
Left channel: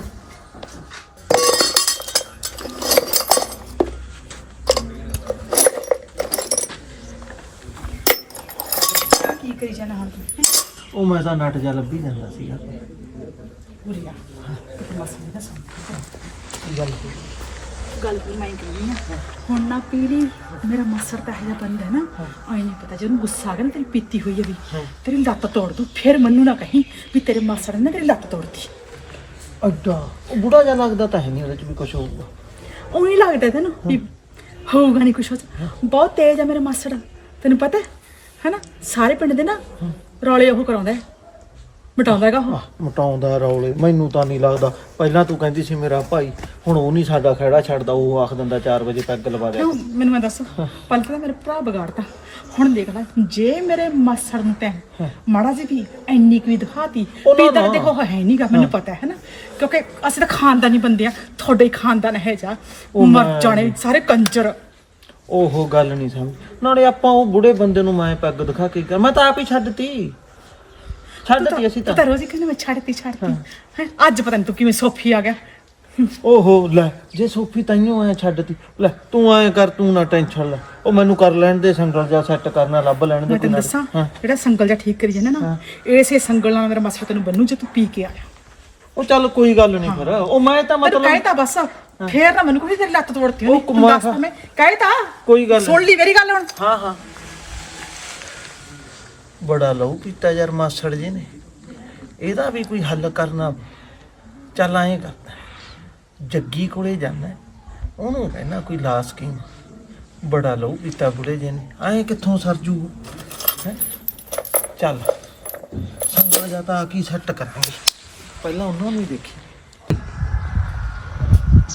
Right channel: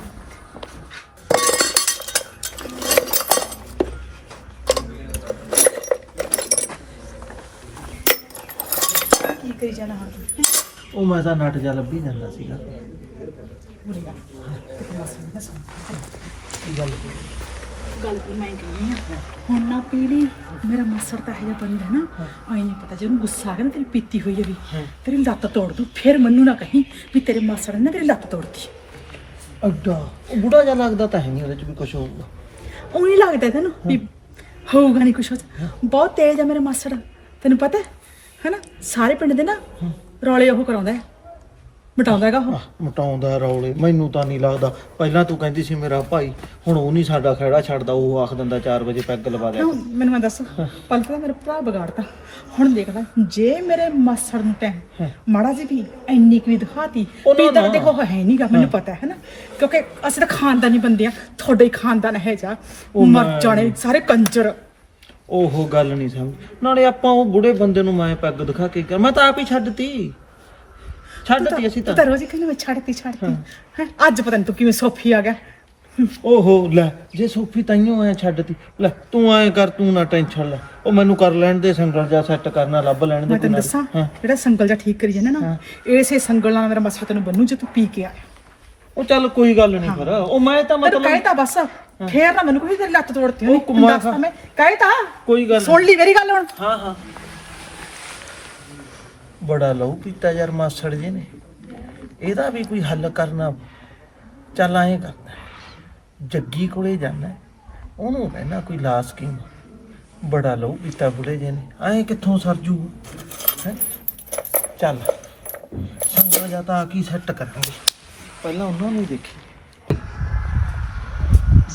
ਕਰੀ ਜਾਣਾ ਹੁਣ ਤੂੰ। ਉਹ ਮੈਂ ਤਾਂ ਨਟ ਜਾ ਲੱਭੀ ਜਾਂਦਾ ਸੀਗਾ। ਉਰੇ ਆ। ਕਿਤੇ ਮਾਸੀ ਨੇ ਦੱਸਣਾ ਗੱਲ ਗੱਲ ਵੀ ਮੈਂ ਕਹਿੰਦੀ ਹੁਣ ਨਾ ਪੀੜੀ ਮੇਰਾ ਮਾਸੜ ਤਾਂ ਇਹਦਾ ਬੰਦਾ ਹੈ ਨਾ ਆਈ ਨਹੀਂ ਪਤਾ ਜਦੋਂ ਗੁੱਸਾ ਆ ਗਿਆ ਨਾ ਤੇਰੀ ਪੀਤੀ ਹੋਈ ਹੈ ਵੀ ਤੇਰੀ ਲੱਤ ਤੋੜ ਦੂ ਫਿਰ ਮੈਨੂੰ ਨਾ ਕਹੀਂ ਵੀ ਤੇਰੇ ਮਾਸੜ ਨੇ ਨਾ ਤੇਰੀ ਲੱਤ ਤੋੜਤੀ। ਅੱਡਾ ਉਹ ਬੁੜਾ ਜਿਹਾ ਲੱਗਦਾ ਤਾਂ ਹੈ ਨਹੀਂ ਉਹਦੇ ਚ ਵੀ ਕੁਝ ਹੋਊਗਾ। ਉਹ ਨਹੀਂ ਲੱਗਦਾ ਤੈਨੂੰ ਵੀ ਹੋਊਗਾ ਨਹੀਂ ਕੁਛ ਬਹੁਤ ਤੇਜ਼ ਆ ਮੇਰੇ ਮਾਸੜ ਤੈਨੂੰ ਪਤਾ ਹੈ? ਹੈਨਾ? ਸਾਰੇ ਪਿੰਡ ਦੇ ਨਾ ਰੌਲੇ ਉਹ ਕਰਾਉਂਦਾ ਹੈ। ਮਟਾਉਂਦਾ ਹੈਗਾ ਉਹ। ਮਟਾਉਂਦਾ ਰੌਲੇ। ਮੈਨੂੰ ਤਾਂ ਨਹੀਂ ਲੱਗਦਾ। ਪਹਿਲਾਂ ਤੂੰ ਕਹਿੰਦੀ ਸੀ ਮੇਰਾ ਭਾਈ ਹੁਣ ਉਹ ਨਹੀਂ ਸਾਡਾ ਖੜਾ ਛੱਡਦਾ ਉਹ ਆਖ ਦਿੰਦਾ 4 ਵਜੇ ਪੈਗ ਲਵਾ ਕਿਉਂ? ਮੈਨੂੰ ਮੈਂ ਦੱਸ। ਪਹਿਲਾਂ ਤਾਂ ਮੇਰਾ ਭਰਾ ਵਿਗਾੜਤਾ ਹੁਣ ਦੇਖ ਲੈ ਜੇ ਮੇਰੇ ਮਾਸੜ ਨੂੰ ਤੈਂ ਮਾੜਾ ਜੀ ਵੀ ਇੰਨੀ ਕੁ ਵੀ ਦਿਖਾਤੀ ਉਹ ਨਾ, ਵੀ ਤਾਂ ਨਾ। ਦੇਖੋ ਉਹ ਹੈ ਨਹੀਂਗਾ ਮੈਨੂੰ ਪਤਾ ਹੈ ਨਾ। ਕਿਉਂਕਿ ਅਸੀਂ ਤਾਂ ਖਾਨਦਾਨੀ ਬੰਦੇ ਆ ਤੁਹਾਡੇ ਹੀ ਖਾਨਦਾਨ ਹੈ ਜਾ। ਮਰ ਜਾਣੇ ਸਾਰੇ ਕੰਜਰ। ਉਹ ਗੱਲ ਨਹੀਂ ਸਮਝ। ਨਾਲੇ ਆਪਾਂ ਉਹ ਬੁੜੇ ਬੰਦੇ ਨੂੰ ਮੈਂ ਪੈਗ ਦਿਖਾ ਕੇ ਗਿਆ। ਮੈਂ ਤਾਂ ਆਪ ਹੀ ਛੱਡਤੀ। ਛੱਡਤੀ ਅਸੀਂ ਤੂੰ। ਤਾਂ ਤਾਂ ਰੋਜ਼ ਹੀ ਕਹਿੰਦਾ ਮੈਂ ਛੱਡਤੀ ਛੱਡਤੀ। ਹੈ ਅੱਜ ਪਤਾ ਨਹੀਂ ਤੂੰ ਕਿਵੇਂ ਸੋਫੀ ਆ ਗਿਆ। ਓਹੋ ਲੈ ਜੇ ਸੋਫੀ ਤਾਈਓ ਐ ਛੱਡਤੀ। ਲੈ ਤੂੰ ਐ ਕਰ ਤੂੰ ਨਾ ਟੈਨਸ਼ਨ ਲੈ। ਉਹ ਮੈਨੂੰ ਕਰ ਲੈਣ ਦੇ ਸੰਗਲ ਜਾ ਸੈੱਟ ਕਰਨਾ ਲੱਭ ਲੈਣ ਦੇ ਮੈਂ ਤੈਨੂੰ ਨਾਲ। ਦੱਸਾਂ ਹਾਂ। ਜਿਹੜਾ ਸੰਗਲ ਜਾਂ ਠੀਕ ਕਰੀ ਜਾਂਦਾ ਨਾ ਇਸੇ ਸੰਗਲ ਨਾਲ ਮੇਰਾ ਮਾਸੜ ਤੈਨੂੰ ਬੰਨੂ ਜੇ ਤੂੰ ਪੀ ਕੇ ਆਇਆ ਉਹ ਚੱਲ ਕੋਈ ਗੱਲ ਨਹੀਂ ਫਿਰ। ਉਹ ਮੈਂ ਤਾਂ ਤੈਨੂੰ ਮਤਲਬ ਕਹਿਤਾ ਬਸ। ਫੇਰ ਨਾ ਮੈਨੂੰ ਕੋਈ ਤੇਰੀ ਲੱਤ ਤੋੜਤੀ ਉਹ ਕੁਮਾਰ ਦੱਸਤਾ ਮੈਂ ਕਹਿਤਾ ਕੋਈ ਗੱਲ ਸੁਣ ਲਈ ਮੇਰੀ ਗੱਲ ਹੁਣ। ਹਾਂ ਹਾਂ। ਬੜਾ ਲਹੂ ਪੀਤਾ ਯਾਰ ਮਾਸੜ ਜੀ ਨੇ। ਇਹਦਾ ਵੀ ਕੋਈ ਹੱਲ ਕਰਨਾ ਚੱਲ ਐਂ ਕਰਦਾ। ਜੱਗੀ ਕੋਲੇ ਜਾਣਾ ਉਹਨੂੰ ਕਹਿਣਾ ਕੋਈ ਲਾ ਸਕੀਮ ਬੜਾ ਲਹੂ ਪੀਤਾ ਬੁੜੇ ਜੀ ਨੇ। ਐਂ ਕਿੱਥੋਂ ਸਰਜੂ ਹੈ? ਚੱਲ। ਸੰਗਾ ਜਾਂ ਤਾਂ ਆ ਕੀ ਸੈੱਟ ਕਰਾਂਗੇ। ਪਹਿਲਾਂ ਉਹਨਾਂ ਨੂੰ ਹੀ ਦੇਖੀ।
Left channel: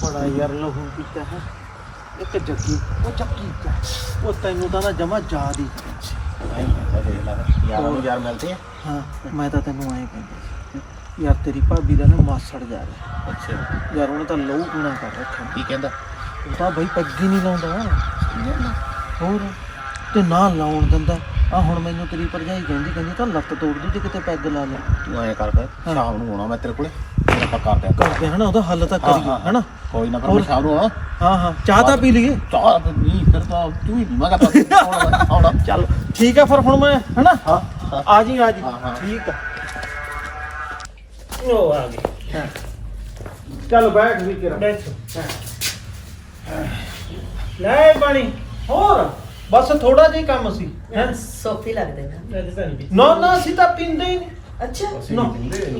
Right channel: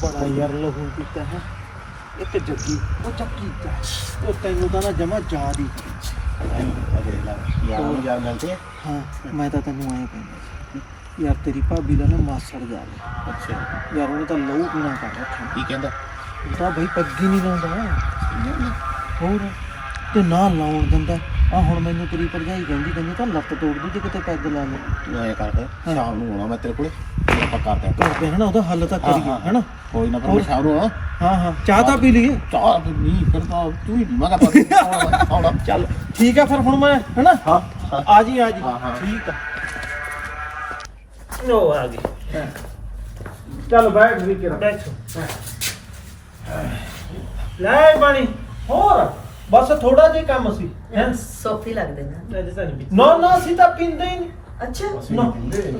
ਬੜਾ ਯਾਰ ਲਹੂ ਪੀਤਾ ਹੈ। ਇੱਕ ਜੱਗੀ ਉਹ ਚੱਕੀ ਦਾ ਉਹ ਤੈਨੂੰ ਤਾਂ ਨਾ ਜਮਾ ਯਾਦ ਹੀ ਕਰਿਆ ਸੀ। ਯਾਰਾਂ ਨੂੰ ਯਾਰ ਮਿਲਦੇ ਆ? ਹਾਂ ਮੈਂ ਤਾਂ ਤੈਨੂੰ ਐਂ ਕਹਿੰਦਾ ਸੀ ਯਾਰ ਤੇਰੀ ਭਾਬੀ ਦਾ ਨਾ ਮਾਸੜ ਜਾ ਰਿਹਾ ਅੱਛਾ। ਯਾਰ ਉਹਨੇ ਤਾਂ ਲਹੂ ਪੀਣਾ ਕਰ ਰੱਖਿਆ ਕੀ ਕਹਿੰਦਾ? ਉਹ ਤਾਂ ਬਈ ਪੱਗੀ ਨਹੀਂ ਲਾਉਂਦਾ। ਹੋਰ ਤੇ ਨਾ ਲਾਉਣ ਦਿੰਦਾ। ਆ ਹੁਣ ਮੈਨੂੰ ਤੇਰੀ ਭਰਜਾਈ ਕਹਿੰਦੀ ਕਹਿੰਦੀ ਤਾਂ ਲੱਤ ਤੋੜ ਦੂ ਜੇ ਕਿਤੇ ਪੈਗ ਲਾ ਲੈ। ਤੂੰ ਐਂ ਕਰ ਸ਼ਾਮ ਨੂੰ ਆਉਣਾ ਮੈਂ ਤੇਰੇ ਕੋਲੇ ਆਪਾਂ ਕਰਦੇ ਆ। ਕਰਦੇ ਹਨਾ ਉਹਦਾ ਹੱਲ ਤਾਂ ਕਰੀਏ ਹਨਾ? ਕੋਈ ਨਾ ਮੈਂ ਸ਼ਾਮ ਨੂੰ ਆਉਣਾ। ਹਾਂ ਹਾਂ। ਚਾਹ ਤਾਂ ਪੀ ਲਈਏ। ਚਾਹ ਨਹੀਂ ਫਿਰ ਤਾਂ ਤੂੰ ਹੀ ਮੈਂ ਕਰਦਾ ਆਉਣਾ। ਚੱਲ ਠੀਕ ਆ ਫਿਰ ਹੁਣ ਮੈਂ ਹਨਾ? ਆ ਜੀ ਆ ਜੀ। ਹਾਂ, ਹਾਂ। ਠੀਕ ਆ। ਉਹ ਆ ਗਈ ਚੱਲ ਬੈਠ ਵੀ ਕਿਰਾ ਬੈਠੋ। ਲੈ ਪਾਣੀ ਹੋਰ? ਬਸ ਥੋੜਾ ਜਿਹਾ ਹੀ ਕੰਮ ਸੀ। ਸੋਫੀ ਲੱਗਦੇ ਨਾ। ਨਹੀਂ। ਨਾ ਨਾ ਅਸੀਂ ਤਾਂ ਪੀਂਦੇ ਹੀ ਨਹੀਂ। ਅੱਛਾ।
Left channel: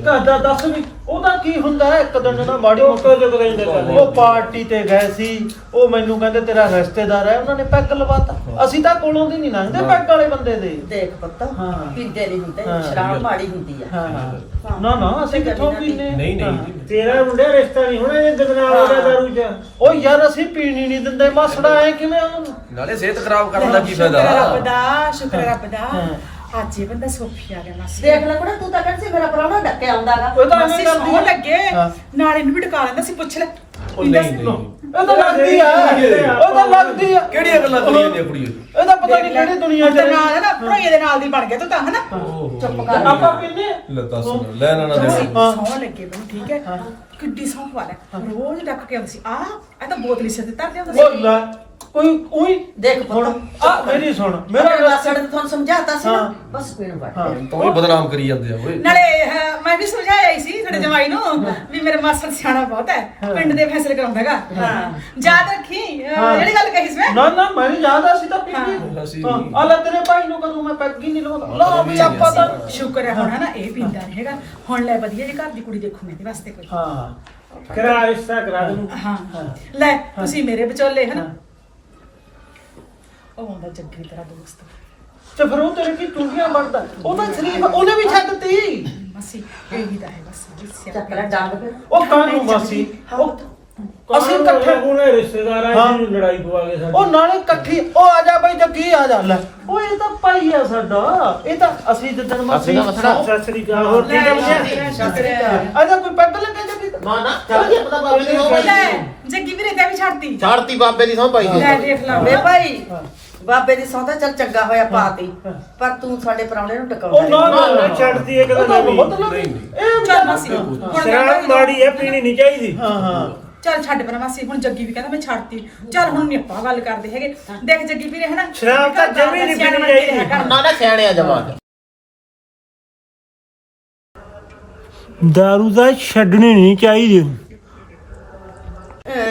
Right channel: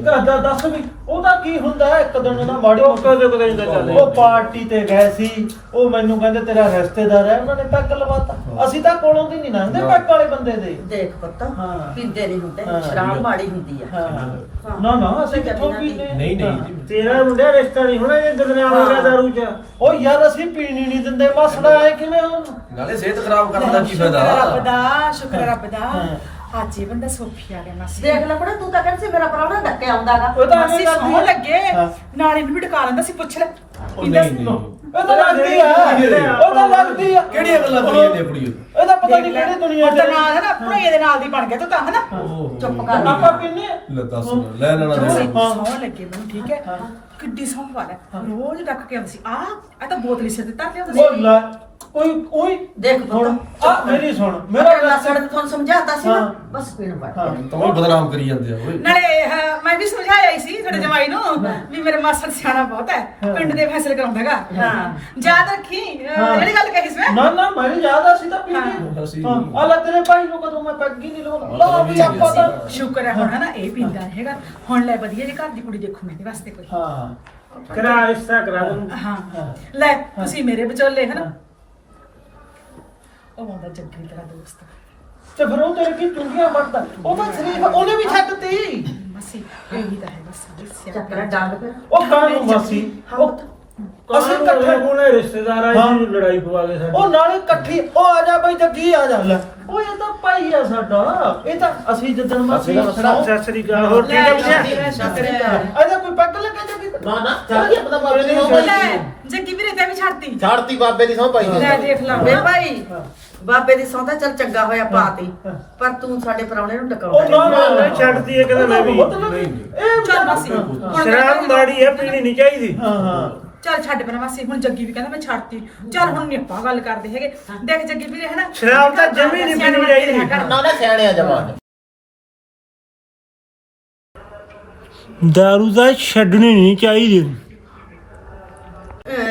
ਨਾ ਦੱਸ ਵੀ ਉਹਦਾ ਕੀ ਹੁੰਦਾ ਹੈ? ਇੱਕ ਦਿਨ ਨਾ ਮਾੜੀ ਉਹ ਕਦੇ ਕਦੇ ਇੰਦਾ ਚੱਲ ਉਹ ਪਾਰਟੀ ਤੇ ਗਏ ਸੀ ਉਹ ਮੈਨੂੰ ਕਹਿੰਦੇ ਤੇਰਾ ਰਿਸ਼ਤੇਦਾਰ ਹੈ ਉਹਨਾਂ ਨੇ ਪੈਗ ਲਵਾਤਾ। ਅਸੀਂ ਤਾਂ ਕੋਲੋਂ ਦੀ ਨਹੀਂ ਲੰਘਦੇ ਪੈਗ ਵਾਲੇ ਬੰਦੇ ਦੇ। ਦੇਖ ਪੁੱਤ ਹਾਂ। ਪੀਂਦੇ ਨਹੀਂ ਹੁੰਦੇ ਹਾਂ। ਸ਼ਰਾਬ ਮਾੜੀ ਹੁੰਦੀ ਆ। ਹਾਂ। ਨਾ ਨਾ ਅਸੀਂ ਕਿੱਥੋਂ ਪੀਂਦੇ? ਨਹੀਂ ਨਹੀਂ। ਤੇਰਾ ਮੁੰਡਿਆ ਰਿਸ਼ਤਾ ਨਹੀਂ ਹੋਣਾ ਇਹ ਦਦਨਾਲ ਹੋ ਗਿਆ ਦਾਰੂ ਚ। ਉਹ ਯਾਰ ਅਸੀਂ ਪੀਣੀ ਨਹੀਂ ਦਿੰਦੇ ਮਸੜਾ ਐ ਕਿਵੇਂ ਨਾਲੇ ਸਿਹਤ ਖਰਾਬ ਕਰਨ ਦਾ ਕੀ ਸ਼ੁਕਰ ਹੈ ਰੱਬ ਫਾਇਦਾ ਦਾ ਸ਼ੁਕਰ ਰੱਬ ਦਾ। ਅੱਜ ਇਹ ਬੰਦਾ ਸੋਫੀ ਆ ਗਿਆ ਮਾਸੀ। ਦੇਖ ਲੈ ਕੁੜੇ ਤੂੰ ਤਾਂ ਕਹਿੰਦੀ ਸੀ ਮੇਰਾ ਪ੍ਰਾਹੁਣਾ ਡੱਕੇ ਆਉਂਦਾਗਾ। ਉਹ ਤਾਂ ਮਾਸੀ ਸੌ। ਲੱਗੇ। ਹਾਂ। ਨਾਲ ਇਹਨੂੰ ਵੀ ਟਕਾ ਲੈਂਦਾ ਸੀ ਪੁੱਛ ਲੈ। ਉਹ ਨਹੀਂ ਸੀ। ਨਹੀਂ। ਇਹ ਤਾਂ ਲੱਗਦੀ ਆ। ਉਹ ਤਾਂ ਲੱਗਦੀ ਆ। ਕਿਹੜੀਆਂ ਗੱਲਾਂ ਦੁਨੀਆ ਦੀਆਂ ਕੁੜੀਆਂ ਇਹ ਤਾਂ ਪਤਾ ਨਹੀਂ ਕਿਹੜੀ ਦੁਨੀਆ ਹੁਣ ਤਾਂ ਨਾਲ ਹੈ ਨਾ ਭਰੋਈਏ ਦੇ ਨਾਲ ਦੀ ਬਣ ਗਿਆ ਤੂੰ ਤਾਂ ਹਨਾ? ਚੁੱਪ ਕਰ। ਆਪਾਂ ਪੀਂਦੇ ਆ। ਲੈ ਦੱਸ ਲੈ ਨਾ ਨਾ ਦੇ ਸੌ ਲੱਗੇ ਮੈਨੂੰ ਠੀਕ ਹੈ। ਕਿੱਡੀ ਸੌ ਵਾਲਾ ਰੋਜ਼ ਡੱਕ ਕੇ ਆਉਂਦੀ ਸੀ। ਆ ਇਹ ਤਾਂ ਬੋਤਲ ਸਿਰ ਤੇ ਧਰ ਲਿਆਉਂਦਾ ਸੀ। ਉਹ ਲੈ ਕੋਈ ਉਹੀ ਦੇਖ ਹੁਣ ਪੁੱਤ ਆ ਮੇਰੀ ਸੁਣ ਮੇਰਾ ਮੇਰਾ ਮਾਸੜ ਨੇ ਤੁਹਾਨੂੰ ਸਮਝਾਤਾ ਸੀ ਨਾ ਹਾਂ। ਬਸ ਪੀਣ ਬੜ ਹਾਂ। ਤੂੰ ਹੀ ਬਦਨਾਮ ਕਰੀ ਜਾਂਦੇ ਆ ਓਏ। ਨਾਲੇ ਅਹ, ਮੈਂ ਵੀ ਸਮਝਾਇਆ ਹੀ ਸੀ ਤੁਹਾਡੇ ਜਮਾਈ ਨੂੰ ਵੀ ਮੇਰੇ ਮਾਸੜ ਸਿਆਣਾ ਬਹੁਤ ਹੈ ਪਿੰਡ ਦੇ ਫੈਸਲੇ ਕਰਾਉਂਦਾਗਾ ਹਾਂ। ਯਾਦ ਰੱਖੀ ਅਹ, ਜਿਹੜੀ ਗੱਲ ਕਹੀ ਸੀ ਮੈਂ? ਨਾ ਨਾ ਮੈਨੂੰ ਯਾਦ ਆ ਸੀ ਤਾਂ ਅਸੀਂ ਹਾਂ। ਆ ਲੈ ਤੇਰੇ ਭਾਈ ਨੂੰ ਕਦੋਂ ਮੈਂ ਪੈਗ ਹੀ ਨਹੀਂ ਲਾਉਂਦਾ ਲਾ ਵੀ ਆਪਾਂ ਤਾਂ ਸ਼ੁਕਰ ਹੈ ਹੁਣ ਹੈ ਨਾ ਇਹ ਪੀਂਦਾ ਨਹੀਂ ਹੈਗਾ। ਹੁਣ ਲੈ ਵਧੀਆ ਜੀ ਘਰ ਦੀ ਕੁੜੀ ਦੇਖੂ ਮੈਂ ਇਹਦੇ ਵਾਸਤੇ ਕੋਈ। ਹਾਂ। ਕਰਾ ਰਿਸ਼ਤਾ ਕਰਾ ਦੂੰ। ਹਾਂ ਲੈ ਤੁਸੀਂ ਮੇਰੇ ਵਿਚੋਲੇ ਹੈ। ਨਾ ਉਹ ਹੁੰਦਾ ਜੱਗੀ ਤੇਰਾ ਦੋਸਤ। ਤੇ ਫਿਰ ਉਹ ਤੇਰੇ ਕੀ ਟੁੰਡੀਆਂ ਵੜਦਾ ਉਹ ਤਾਂ ਸ਼ਰੀਫ ਉਹਨੇ ਵੀ ਛੱਡਤੀ ਮਸੀ ਇਹ ਵੀ ਤਾਂ ਹੈ ਬਸ ਚੱਕ ਲੈ ਡੰਗ ਫਿਰ ਉਹ ਕਾਹਨੂੰ ਮਾਸੀ ਉਹ ਅਸੀਂ ਇਕੱਠੇ ਉਹਨੇ ਰਿਸ਼ਤੇਦਾਰ ਆ ਹਾਂ। ਜੀ ਲੜਾਈ ਪਵਾ ਕੇ ਸਾਡੀ। ਉਹ ਨਾਲੇ ਇਕੱਠੀ ਉਹ ਆ ਜਾ ਬਈ ਜੱਗੀ ਆ ਜਾ। ਲੈ। ਉਹ ਇਹ ਤਾਂ ਭਾਈ ਆ ਸਾਡਾ। ਇਹ ਤਾਂ ਅਸੀਂ ਜਿੱਦਣ ਮਾਸੀ ਅਸੀਂ ਤਾਂ ਸਤਿ ਸ੍ਰੀ ਅਕਾਲ ਹੋਰ ਠੀਕ ਹੈ? ਬੁਝਿਆ ਇਹਦਾ ਕੋਈ? ਨਾ ਨਾ ਚੱਲ ਗਿਆ ਪਤਾ ਬਾਬੇ ਦੀ ਸਹੁੰ ਲੈ ਜੱਗੀ ਵੀਰੇ ਤੇ ਵੀ ਛੱਡਤੀ। ਛਾੜਤੀ ਬਾਬੇ ਦੀ ਸੌਂ ਪਾਈ ਲੈ ਦੇਖ ਲਾ ਵੇ ਭਾਈ। ਬਾਬੇ ਦੀ ਸੌਂਦਾ ਚੱਲ ਚੰਗਾ ਹੋਇਆ ਪਾਤੀ ਪਰ ਤੂੰ ਸਾਡੇ ਪ੍ਰਾਹੁਣੇ ਨੂੰ ਉਹ ਟਿਕਾਉਂਦਾ ਨਾ ਨਹੀਂ। ਨਾ ਦਿਨ ਮੈਂ ਵੀ। ਮਤਲਬ ਇਹ ਚੱਲ ਮਾਸੀ ਹੁਣ ਸ਼ਰਾਬ ਮਾੜੀ ਹੈ ਪੀਣੀ ਨਹੀਂ ਚਾਹੀਦੀ। ਹਾਂ ਹਾਂ। ਚੱਲ ਛੱਡ ਪਰਾਂ ਮਾਸੀ ਹੁਣ ਜੱਗੀ ਵੀ ਕਹਿੰਦਾ ਮੈਂ ਛੱਡਤੀ। ਚੱਲ ਹੁਣ ਨੀ ਆਪਾਂ ਗੱਲ ਕਰਦੇ ਹੈਗੇ। ਦੇਖ ਜੱਗੀ ਵੀਰੇ ਹਨਾ? ਸ਼ਰਾਬ ਤਾਂ ਜਮੀ ਨੀ ਸਿਆਣੇ ਪੀਣੀ ਬਣ ਕੇ ਰਿਹਾ ਚਾਹੀਦੀ। ਕਰ। ਨਾ ਨਾ ਸਿਆਣਿਆ ਜਵਾਨ ਦਾਰੂ ਦਾ ਛੱਡਣੀ ਨਹੀਂ ਚਾਹੀਦੀ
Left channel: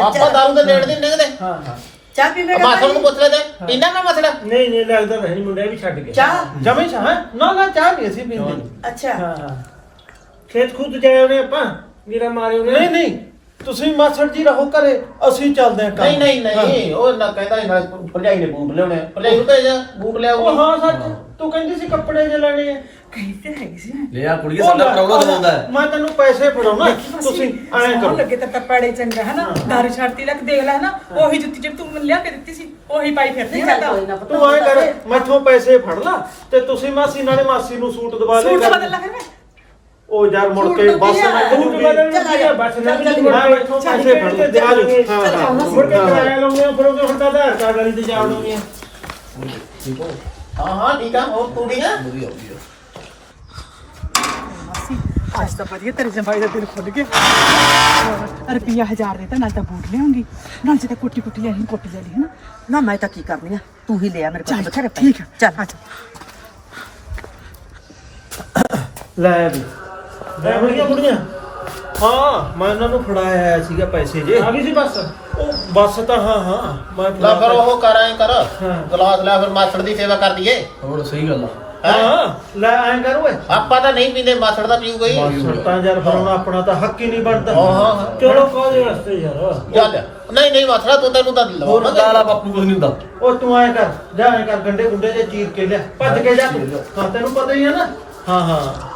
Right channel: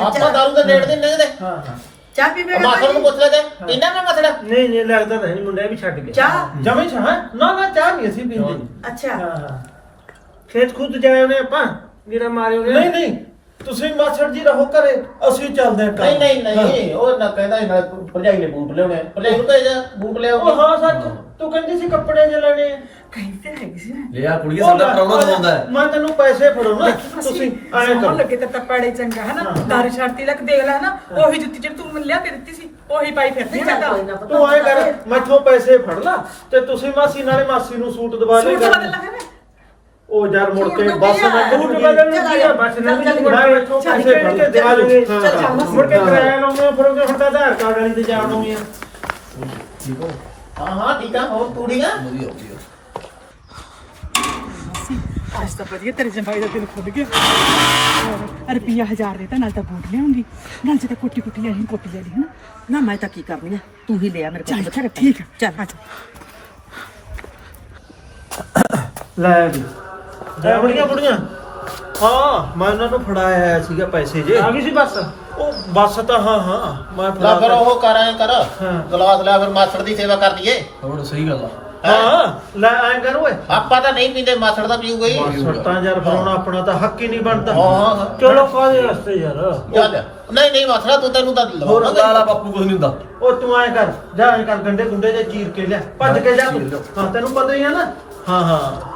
ਆਪਾਂ ਦਾਰੂ ਦੇ ਨੇੜ ਦੇ ਨੰਗਦੇ ਹਾਂ ਹਾਂ। ਚਾਹ ਪੀਵੇਂਗਾ ਮਾਸੜ ਨੂੰ ਪੁੱਛ ਲੈ ਤੇ ਪੀਣਾ ਨਾ ਮਸੜਾ ਨਹੀਂ ਨਹੀਂ ਲੱਗਦਾ ਤਾਂ ਨਹੀਂ ਮੁੰਡਾ ਵੀ ਛੱਡ ਗਿਆ ਚਾਹ? ਜਮੇ ਛਾ ਹੈ? ਨਾ ਨਾ ਚਾਹ ਨਹੀਂ ਅਸੀਂ ਪੀਂਦੇ। ਅੱਛਾ। ਹਾਂ ਹਾਂ। ਖੇਤ ਖੁਦ ਜਾਏ ਉਹਨੇ ਆਪਾਂ ਮੇਰਾ ਮਾਰੇ ਉਹਨੇ। ਨਹੀਂ ਨਹੀਂ। ਤੁਸੀਂ ਮਾਸੜ ਜੀ ਰਹੋ ਘਰੇ ਅਸੀਂ ਚੱਲਦੇ ਆਂ ਨਹੀਂ ਨਹੀਂ ਨਹੀਂ ਉਹ ਨਾ ਕਹਿੰਦਾ ਸੀ ਨਾਲ ਭਰਜਾਈ ਨੇ ਬੂਟ ਲਿਆਉਣੇ ਆ। ਭਰਜਾਈ ਨੂੰ ਭੇਜ ਬੂਟ ਉਹ ਹਾਂ ਸੱਚ। ਤੂੰ ਕਹਿੰਦੀ ਸੀ ਕੱਪੜੇ ਜੇ ਲੈਣੇ ਆ। ਕਹੀ ਤੇ ਹੈਗੀ ਸੀ ਨਾ ਲਿਆ ਕੁੜੀਏ ਸਾਡਾ ਪ੍ਰਾਹੁਣਾ ਦਵਾਉਂਦਾ ਹੈ। ਮੈਂ ਤੈਨੂੰ ਪੈਸੇ ਫੜਾਉਣਾ ਤੁਸੀਂ ਐਂ ਕਰੋ। ਲੱਗੇ ਤਾਂ ਟੱਪੜੇ ਚੰਗਾ ਹੈ। ਨਾ ਦਾਰੂ ਛੱਡਤੀ ਲੱਗ ਦੇਖ ਲੈ ਨਾ ਉਹੀ ਜੁੱਤੀ ਜਿਹੜੀ ਤੂੰ ਮੈਨੂੰ ਲਿਆ ਕੇ ਦਿੱਤੀ ਸੀ ਉਹੀ ਪਾਈ ਫਿਰਦੀ ਨਹੀਂ ਚੱਲ ਕੋਈ ਨਾ ਪੁੱਤ, ਤੂੰ ਐਂ ਕਰ ਮੈਥੋਂ ਪੈਸੇ ਫੜ ਲਾ ਤੇ ਤੁਸੀਂ ਮਾਸੀ ਨਾਲੇ ਮਾਸੀ ਨੂੰ ਸੂਟ ਦਵਾ ਦੇ ਸੂਟ ਬਦਲ ਲੈ ਫਿਰ ਮੈਂ। ਉਹ ਯਾਰ ਮੁੜ ਕੇ ਬੱਸ ਆ? ਨਾ ਬਦਲ ਆ। ਬੱਸ ਨਾ ਮੈਂ ਮੈਥੋਂ ਪੈਸੇ ਫੜ ਲੈ ਆ ਹਾਂ। ਹਾਂ ਮੁੜ ਕੇ ਕਿਰਾਇਆ ਲਾਉਂਦੇ ਆ, ਫਿਰ ਉਹ ਫਿਰ ਤਾਂ ਆਧਾਰ ਕਾਰਡ ਵਾਲੀ ਤੇ ਜਾਵੜੋਗੇ। ਹਾਂ ਹਾਂ ਠੀਕ ਆ ਹੋਰ ਤੂੰ ਠੀਕ ਆ? ਵਧੀਆ ਵਧੀਆ। ਮਾਸੀ ਅੱਜ ਤਾਂ ਵਧੀਆ ਤੇਰੇ ਜਮਾਈ ਦਾ ਦਿਲ ਖੁੱਲ ਗਿਆ। ਹੋਰ ਰੁਪਿਆ ਹਜ਼ਾਰ ਦੇ ਤਾਂ ਨਾਲ ਤਾਂ ਬੂਟ ਲਿਆਉਂਗੀ। ਨਾਲ ਜਿੱਦਾਂ ਕੋਟੀ ਕੋਟੀ ਆਈ ਕੋਟੀ ਵਾਲੀ ਹੈ ਨਾ ਨਾ ਮੈਂ ਤਾਂ ਕੀ ਕਰਨੀ ਆ? ਤੂੰ ਹੀ ਲਿਆ ਮੇਰੇ ਕੋਲ ਚੱਲ ਬਥੇਰੇ। ਠੀਕ ਹੈ ਚੱਲ। ਅੱਛਾ ਲੈ ਵੀ। ਲੈ ਬੁੜੀਆਂ ਬੁੜੀਆਂ। ਹਾਂ ਮੈਂ ਉਹਨਾਂ ਨੂੰ ਫੜਾਇਆ ਆਇਆ ਸੀਗਾ ਪੈਸੇ ਜੇ। ਆ ਗਈ ਸੀ ਬੱਸ? ਉਹ ਬੱਸ ਤਾਂ ਹਾਂ ਹਾਂ ਮੈਂ ਨਾ ਫੜਾ ਫਿਰ ਤਾ- ਉਹ ਕਰ ਐਂ ਕਰ। ਹਾਂ। ਗਲਾਸ ਲੈ ਫਿਰ ਮਾਸੜ ਦੀ ਸੇਵਾ ਕਰ ਦਈਏ ਹੋਰ ਸਹੀ ਗੱਲ ਆ। ਹਾਂ? ਲੈ ਐਂ ਕਰ ਓਏ। ਆਪਾਂ ਤਾਂ ਨਹੀਂ ਪੀਂਦੇ ਮਾਸੜ ਦਾ ਪੀਊਗਾ ਹੀ। ਮਾਸੜ ਤਾਂ ਯਾਰ ਫਿਰ ਹੁਣ ਆਪਣਾ ਤਾਂ ਹੱਕ ਹੀ ਨਹੀਂ ਬਣਦਾ। ਹਾਂ ਹਾਂ ਹਾਂ। ਚਲੋ ਕਾਹਦੇ ਰਸਤੇ ਯਾਰ? ਚੱਲ। ਨਹੀਂ ਨਹੀਂ ਮਾਸੜਾ ਤੂੰ ਤੈਨੂੰ ਤਾਂ ਹੋਰ ਲਵਾਉਣਾ ਲਾ ਲਾ ਬਾਪੂ ਕੁਝ ਨਹੀਂ ਹੁੰਦਾ। ਉਹ ਤੂੰ ਐਂ ਕਰ ਜਾ ਐਂ ਕਰ ਗੰਡੇ ਗੁੰਡੇ ਜੇ ਚੀਰ ਕੇ ਲਿਆ। ਭੱਜ ਕੇ ਜਾ ਤੂੰ। ਹਾਂ ਤੈਨੂੰ ਪਤਾ ਹੀ ਹੈ ਨਾ। ਹਾਂ ਹਾਂ।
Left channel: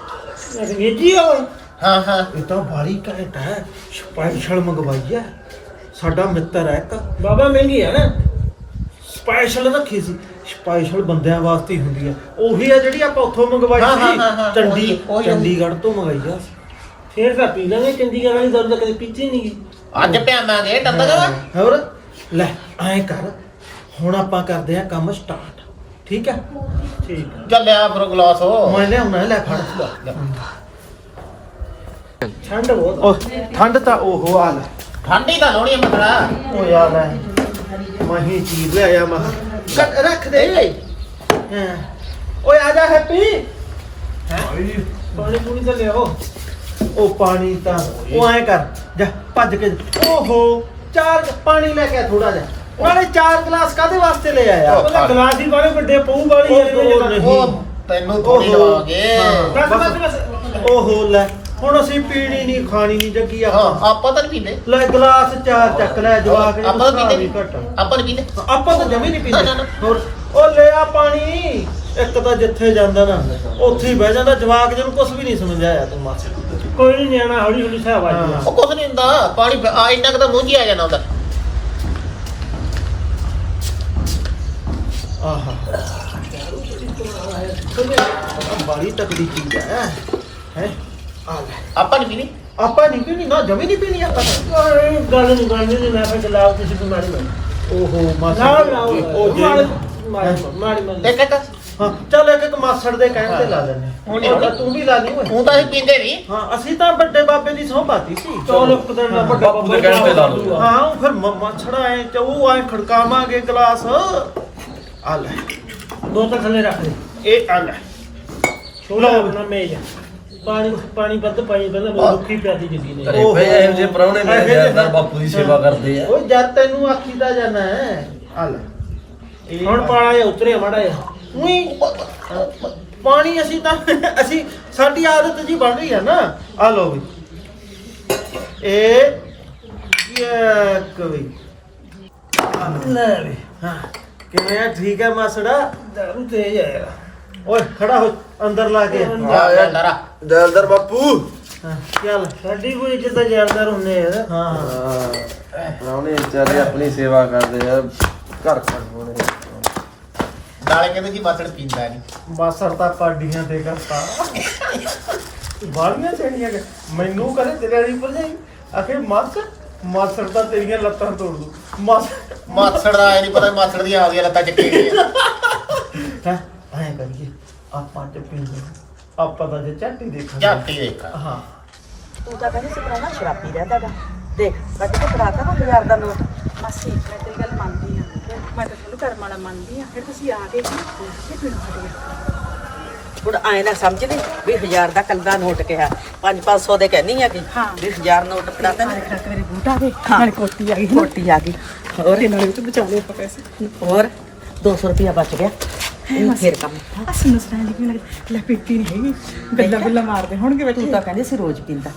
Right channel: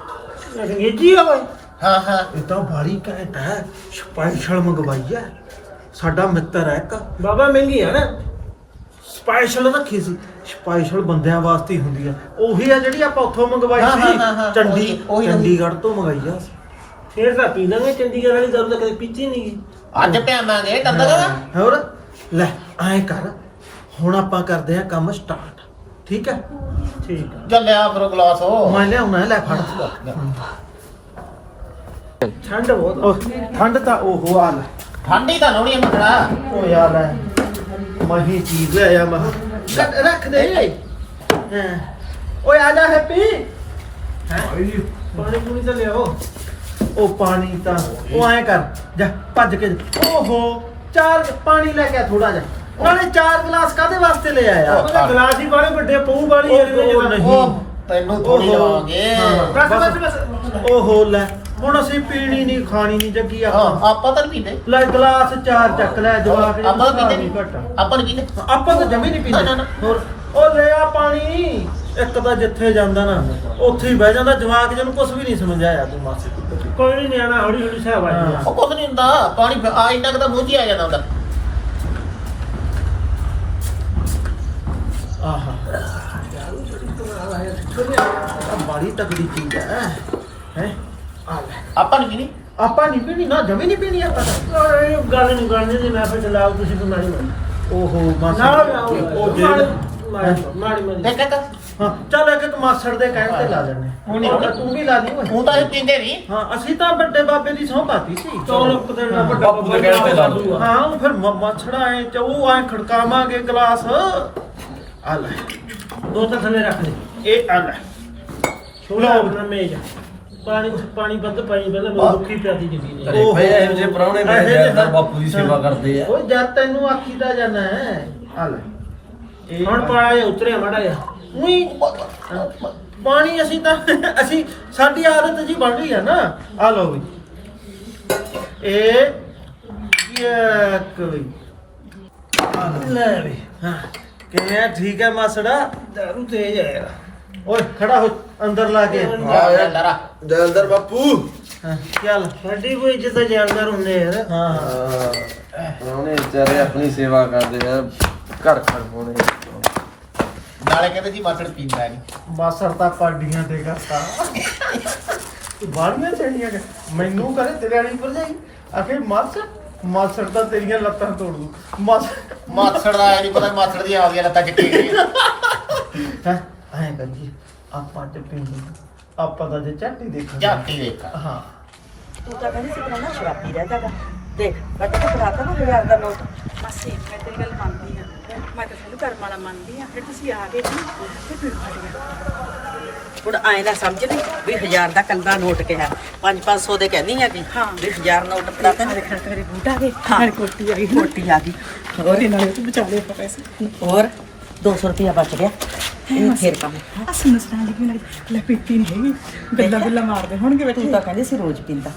ਅੰਗਰੇਜ਼ੀ ਆ ਓਏ। ਹਾਂ ਹਾਂ। ਇਹ ਤਾਂ ਬਾੜੀ ਘੈਂਟ ਹੈ। ਸਪੈਸ਼ਲ ਮੰਗਵਾਈ ਹੈ। ਸਾਡਾ ਮਿੱਤਰ ਹੈ ਇੱਕ। ਬਾਬਾ ਮਹਿੰਗੀ ਆ ਨਾ। ਸਪੈਸ਼ਲ ਰੱਖੀ ਸੀ। ਸਪੈਸ਼ਲ ਬੰਦਿਆਂ ਵਾਸਤੇ ਹੀ ਹੁੰਦੀ ਆ ਉਹੀ ਆ ਜਿਹੜੀ ਆਪਾਂ ਉੱਥੋਂ ਮੰਗਵਾਈ ਹਾਂ, ਹਾਂ, ਸੀ। ਹਾਂ, ਚੰਡੀ ਉਹੀ- ਉਹੀ ਚੰਡੀਗੜ੍ਹ ਤੋਂ ਮੰਗਾਈ ਆ। ਫੇਰ ਤਾਂ ਪੀ ਲਾਂਗੇ। ਚੰਡੀਗੜ੍ਹ ਵਾਲੀ ਦਾਰੂ ਤਾਂ ਕਦੇ ਪੀਤੀ ਨਹੀਂ ਗਈ ਅੱਜ ਪਿਆਵਾਂਗੇ ਟੰਦਗਾ ਹੋਰ? ਲੈ ਐਂ ਕਰ। ਹੁਣ ਆਪਾਂ ਕਰਦੇ ਆ ਕੰਮ ਸਟਾਰਟ ਠੀਕ ਹੈ? ਠੀਕ ਚੱਲ ਲਿਆ ਫਿਰ ਗਲਾਸ ਹੋ ਮੈਂ ਲਿਆਉਣਾ ਲੈ ਫੜ। ਠੰਡ ਬਹੁਤ ਆ। ਉਹ ਠੰਡ ਤਾਂ ਉਹ ਆ ਲੈ। ਠੰਡੀ ਤਾਂ ਲੋਣੀ ਮਖੜਾ ਉਹ ਯਾਰ ਲੈ। ਮਹੀ ਚੀਜ਼ ਲਿਆਇਆ ਮਹ ਕੱਟ ਰੱਖ ਦੇ। ਹਾਂ। ਓਏ ਆ ਜਾ ਹੈਪੀ। ਪਾਣੀ ਪੂਣੀ ਤਾਂ ਲਿਆਓ। ਉਹ ਪਾਣੀ ਤਾਂ ਉਹ ਐਂ ਕਰ ਜਾ ਭੱਜ ਕੇ। ਓਹੋ ਚਾਰ ਪਾਣੀ ਲੈ ਕੇ ਥੋੜਾ ਜਾ ਨਾਲੇ ਚਾਰ ਗਲਾਸ ਕਾਦੇ ਵਾਸਤੇ ਲੈ ਆਇਆ? ਉਹਦਾ ਗਲਾਸ ਹੀ ਬਾਰੇ ਵੱਡੇ ਪਊ ਵਾਲੀ ਜਿਹੜੇ ਉਹ ਤੈਨੂੰ ਥੋੜੀ ਹਾਂ। ਬਸ ਬਸ। ਬਸ ਓਹੋ ਲੈ ਹੁਣ ਅਸੀਂ ਪੀਣੀ ਨਹੀਂ ਖਾਣੀ ਨਹੀਂ ਜੱਗੀ ਹਾਂ ਆਪਾਂ ਆਪਾਂ ਤਾਂ ਨਹੀਂ ਪੀਂਦੇ। ਲੈ ਗਲਾਸ ਚਾਰ ਚੱਕ ਲੈ ਜਵਾਕ ਜੀ ਆਪਾਂ ਤਾਂ ਪੀਂਦੇ ਆਪਾਂ ਨਹੀਂ ਪੀਂਦੇ। ਆਪਾਂ ਤਾਂ ਜਮੀ ਨਹੀਂ ਪੀਂਦੇ। ਹੋਰ ਉਹ ਲੈ ਆ ਪਾਣੀ। ਇੱਕ ਤਾਂ ਜਿੱਥੇ ਜਾਂਦਾ ਨਾ ਉੱਥੇ ਹੀ ਬਹਿ ਜਾਂਦਾ। ਜਵਾਕ ਜਿਹਨੂੰ ਕੁਝ ਵੀ ਨਹੀਂ ਸਮਝ ਆਇਆ ਤੂੰ ਮਾਸੇ। ਕੋਈ ਨਹੀਂ ਨਿਆਣਾ ਹੌਲੀ ਹੌਲੀ ਸਾਹ ਹਾਂ। ਵਾਜੀ ਉਹ ਕੁਝ ਨਹੀਂ ਹੁੰਦਾ। ਪਾਣੀ ਆ ਇੰਨਾ ਕੁ ਤਾਂ ਮੂੰਹ ਆ ਜਾਣਾ ਉਹਦਾ ਆਹਾ। ਬੜੀ ਤਕੜੀ ਚੀਜ਼ ਹੈ? ਹੈ? ਆ ਲੈ। ਆਪਾਂ ਨਹੀਂ ਪੀਣੀ? ਆਪਾਂ ਨਹੀਂ ਪੀਣੀ ਨਾ ਜਮੀ ਨਹੀਂ ਪੀਣੀ ਆਪਾਂ ਤਾਂ। ਓਏ ਗੱਲ ਨਹੀਂ ਕਰਨੀ ਦੀ ਮੈਂ ਫਿਰ ਚਲਾਓ ਤੁਸੀਂ ਬਿਮਾਰੀ ਮਾਰੀ ਓਹੋ ਮਾਸੜ। ਨਾ ਨਾ ਉਹ ਜੇ ਮਾਰੀ ਮਾਰੀ ਮਾਰੀ ਦੇਖ ਦੇਖ ਹਾਂ ਚੱਲ ਇੱਕ ਇੱਕ ਮਾਸੜ ਦੇ ਕਹਿਣ ਤੇ ਲਾ ਲੈਣੇ ਹੁਣ ਤੂੰ ਵੀ ਲਾ ਲਈ ਓਏ। ਹੁਣ ਤਾਂ ਅਸੀਂ ਪੀਂਦੇ ਨਹੀਂ। ਹਾਂ ਅਸੀਂ ਤਾਂ ਵੱਡੇ ਬਾਬੇ ਦੀ ਸਹੁੰ ਪਾਤੀ ਸੀ। ਚੌਲ ਇੱਕ ਦਿਨ ਦਾ ਵੱਡਾ ਬਾਪੂ ਦੇ ਕਹਿਣ ਤੇ ਲਾ ਲਓ। ਹਾਂ ਉਹ ਫਿਰ ਮੱਛੜਾ ਐ ਚਉ ਐ ਖੜਕਾਵਾਂਗੇ ਗਲਾਸ। ਆ ਲੈ ਦੋ ਤਾਂ ਥੱਲੇ ਰੱਖ ਦੇ। ਇਹ ਆ ਲੈ। ਛੋਲਾ ਆਪਣਾ ਮੇਜ ਪਾਣੀ ਪਾਣੀ ਵੱਧ ਪਾਈ ਪਹਿਲਾਂ ਮੈਨੂੰ ਦੁੱਖੀ ਪਿਆਦੀ ਜਗੀ ਨੇ ਘਰੇ ਪਏ ਇਹੋ ਜਿਹੇ ਪ੍ਰਾਹੁਣੇ ਮੇਰੇ ਜਿਹੇ ਬਾਪੂ ਦੀ ਸੇਵਾ ਕਰਦੇ ਆ। ਓਏ ਜਦ ਤੈਨੂੰ ਆਖੀ ਦਾ ਜਾਣਾ ਹੈ ਆ ਲੈ ਇਹ ਹੁਣ ਪਾਲਾ ਜਾਂ ਉਤਰਿਆ ਮਾੜਾ ਜਾਂ ਉਈ ਪਾਣੀ ਅਸੀਂ ਤਾਂ ਅਸੀਂ ਸਾਡੀ ਆਦਤ ਜੀ ਬਣ ਗਈ ਹੈ ਨਾ। ਆ ਲਓ ਵੀ। ਇਹ ਇੱਕ ਵੀ। ਆ ਲਓ। ਲੈ ਵੀ। ਹਾਂ। ਕਿਵੇਂ ਆ? ਠੀਕ ਹੈ ਮਾਸੜਾ? ਦਾਰੂ ਤੇਜ ਆ ਯਾਰ। ਓਏ ਖੜਾ ਹੋ ਅੰਦਰ ਲਾ ਕੇ। ਆ ਯਾਰ ਡਰਾ ਦਿਲਦਰ ਬਾਪੂ। ਹਾਂ ਚੱਲ ਸਾਡੀ ਕੋਈ ਇੱਜ਼ਤ ਦਾ ਜਾਲਦਾਰ ਹੁੰਨੇ ਯਾਰ ਹਾਂ ਹਾਂ। ਪ੍ਰਾਹੁਣੇ ਵਿਚਾਰੇ ਆਪਣੀ ਸੇਵਾ ਕਰਦੇ ਆ। ਘਰ ਘਰ ਹੋਣੇ। ਨਾਲੇ ਕਹਿੰਦੇ ਜੀ ਮਾਸੜ ਪੀਂਦਾ ਨਹੀਂ। ਮਾਸੜ ਤਾਂ ਪਾਡੀਆਂ ਤੇ। ਕਰਤਾ ਬਾਲੀਆਂ ਚੜੀਆਂ ਕਿ ਮੈਨੂੰ ਕਰੇ ਤੇਰੇ ਵਾਲੀ ਪਰ ਜਾਈ ਆਖੇ ਮਾਸੜ ਮਾਸੜ ਤਾਂ ਤੇਰੀਆਂ ਲੱਤਾਂ ਤੋੜ ਦੂ ਮਾਸੜ ਮਾਸੜ ਦਾ ਐ ਨਹੀਂ ਪਤਾ ਮਾਸੜ ਦੀਆਂ ਆਉਂਦੀਆਂ ਲੱਤਾਂ ਚੱਕੀ ਗਈਆਂ ਹੈ? ਐਂ ਕਰੀਏ ਆਪਾਂ ਚ ਪੀਂਦੇ ਆਪਾਂ ਤਾਂ ਜੇ ਝੱਟੀ ਦੇਖਾਂਗੇ। ਝਾਟੀ ਦੇਖਾ ਹਾਂ। ਤੂੰ ਤਾਂ ਕਹਿੰਦੀ ਸੀ ਪਹਿਲਾਂ ਸ਼ਰਾਬੀ ਰਹਿੰਦਾਗਾ ਦੇਖ ਮੈਂ ਕਿਹਾ ਫੜਾਤਾ ਨਾ ਹਜ਼ਾਰ ਦਾ ਨੋਟ। ਮਾਸੀ ਮੈਂ ਤੇਰੀ ਗੱਲ ਮੰਨਦੀ ਆ ਮੈਂ ਤਾਂ ਤੁਹਾਨੂੰ ਕਰਮ ਵਾਲਾ ਮੰਨਦੀ ਆ ਫਿਰ ਤੁਸੀਂ ਆ ਗਏ ਸੀ ਫਿਰ ਫਿਰ ਹਟ ਗਿਆ ਹੁਣ ਆਏ ਨਾ ਸਮਝ ਨਹੀਂ ਵੀ ਹਜ਼ਾਰ ਦਾ ਕੱਲਾ ਨੋਟ ਕਿਹਾ। 5-500 ਦੇ ਕਹਿੰਦੀ ਆ ਕਿ। ਵੀ ਹਜ਼ਾਰ ਨੋਟ ਫੜਾਤਾ ਮੇਰੇ ਖਿਆਲ ਤੇ ਮੇਰੇ ਬੂਟ ਆ ਗਏ। ਨਾਲੇ ਕੋਟੀ ਆ ਗਈ। ਕੋਟੀ ਆ ਗਈ। ਹੋਰ? ਇਹ ਨਾਲੇ ਵੀ ਬਚਾ ਆਪਾਂ ਪੈਸੇ। ਹੋਰ? 200 ਰੁਪਇਆ ਬਚ ਗਿਆ। ਇਹ ਫੇਰ ਕੰਮ। ਅਸੀਂ ਨੂੰ ਸੁਣਾਈ ਕਿ ਲੱਗ ਲੈ ਪੀਤੀ ਨਹੀਂ ਹੈਗੀ। ਗੱਲਾਂ ਗੁੱਲਾਂ ਮਾਰਦੇ ਹੋਣਗੇ ਤੂੰ ਬੱਚੇ ਤਾਂ ਕਹਿੰਦੀ ਸੀ ਰੋਜ਼ ਪੀਂਦਾ।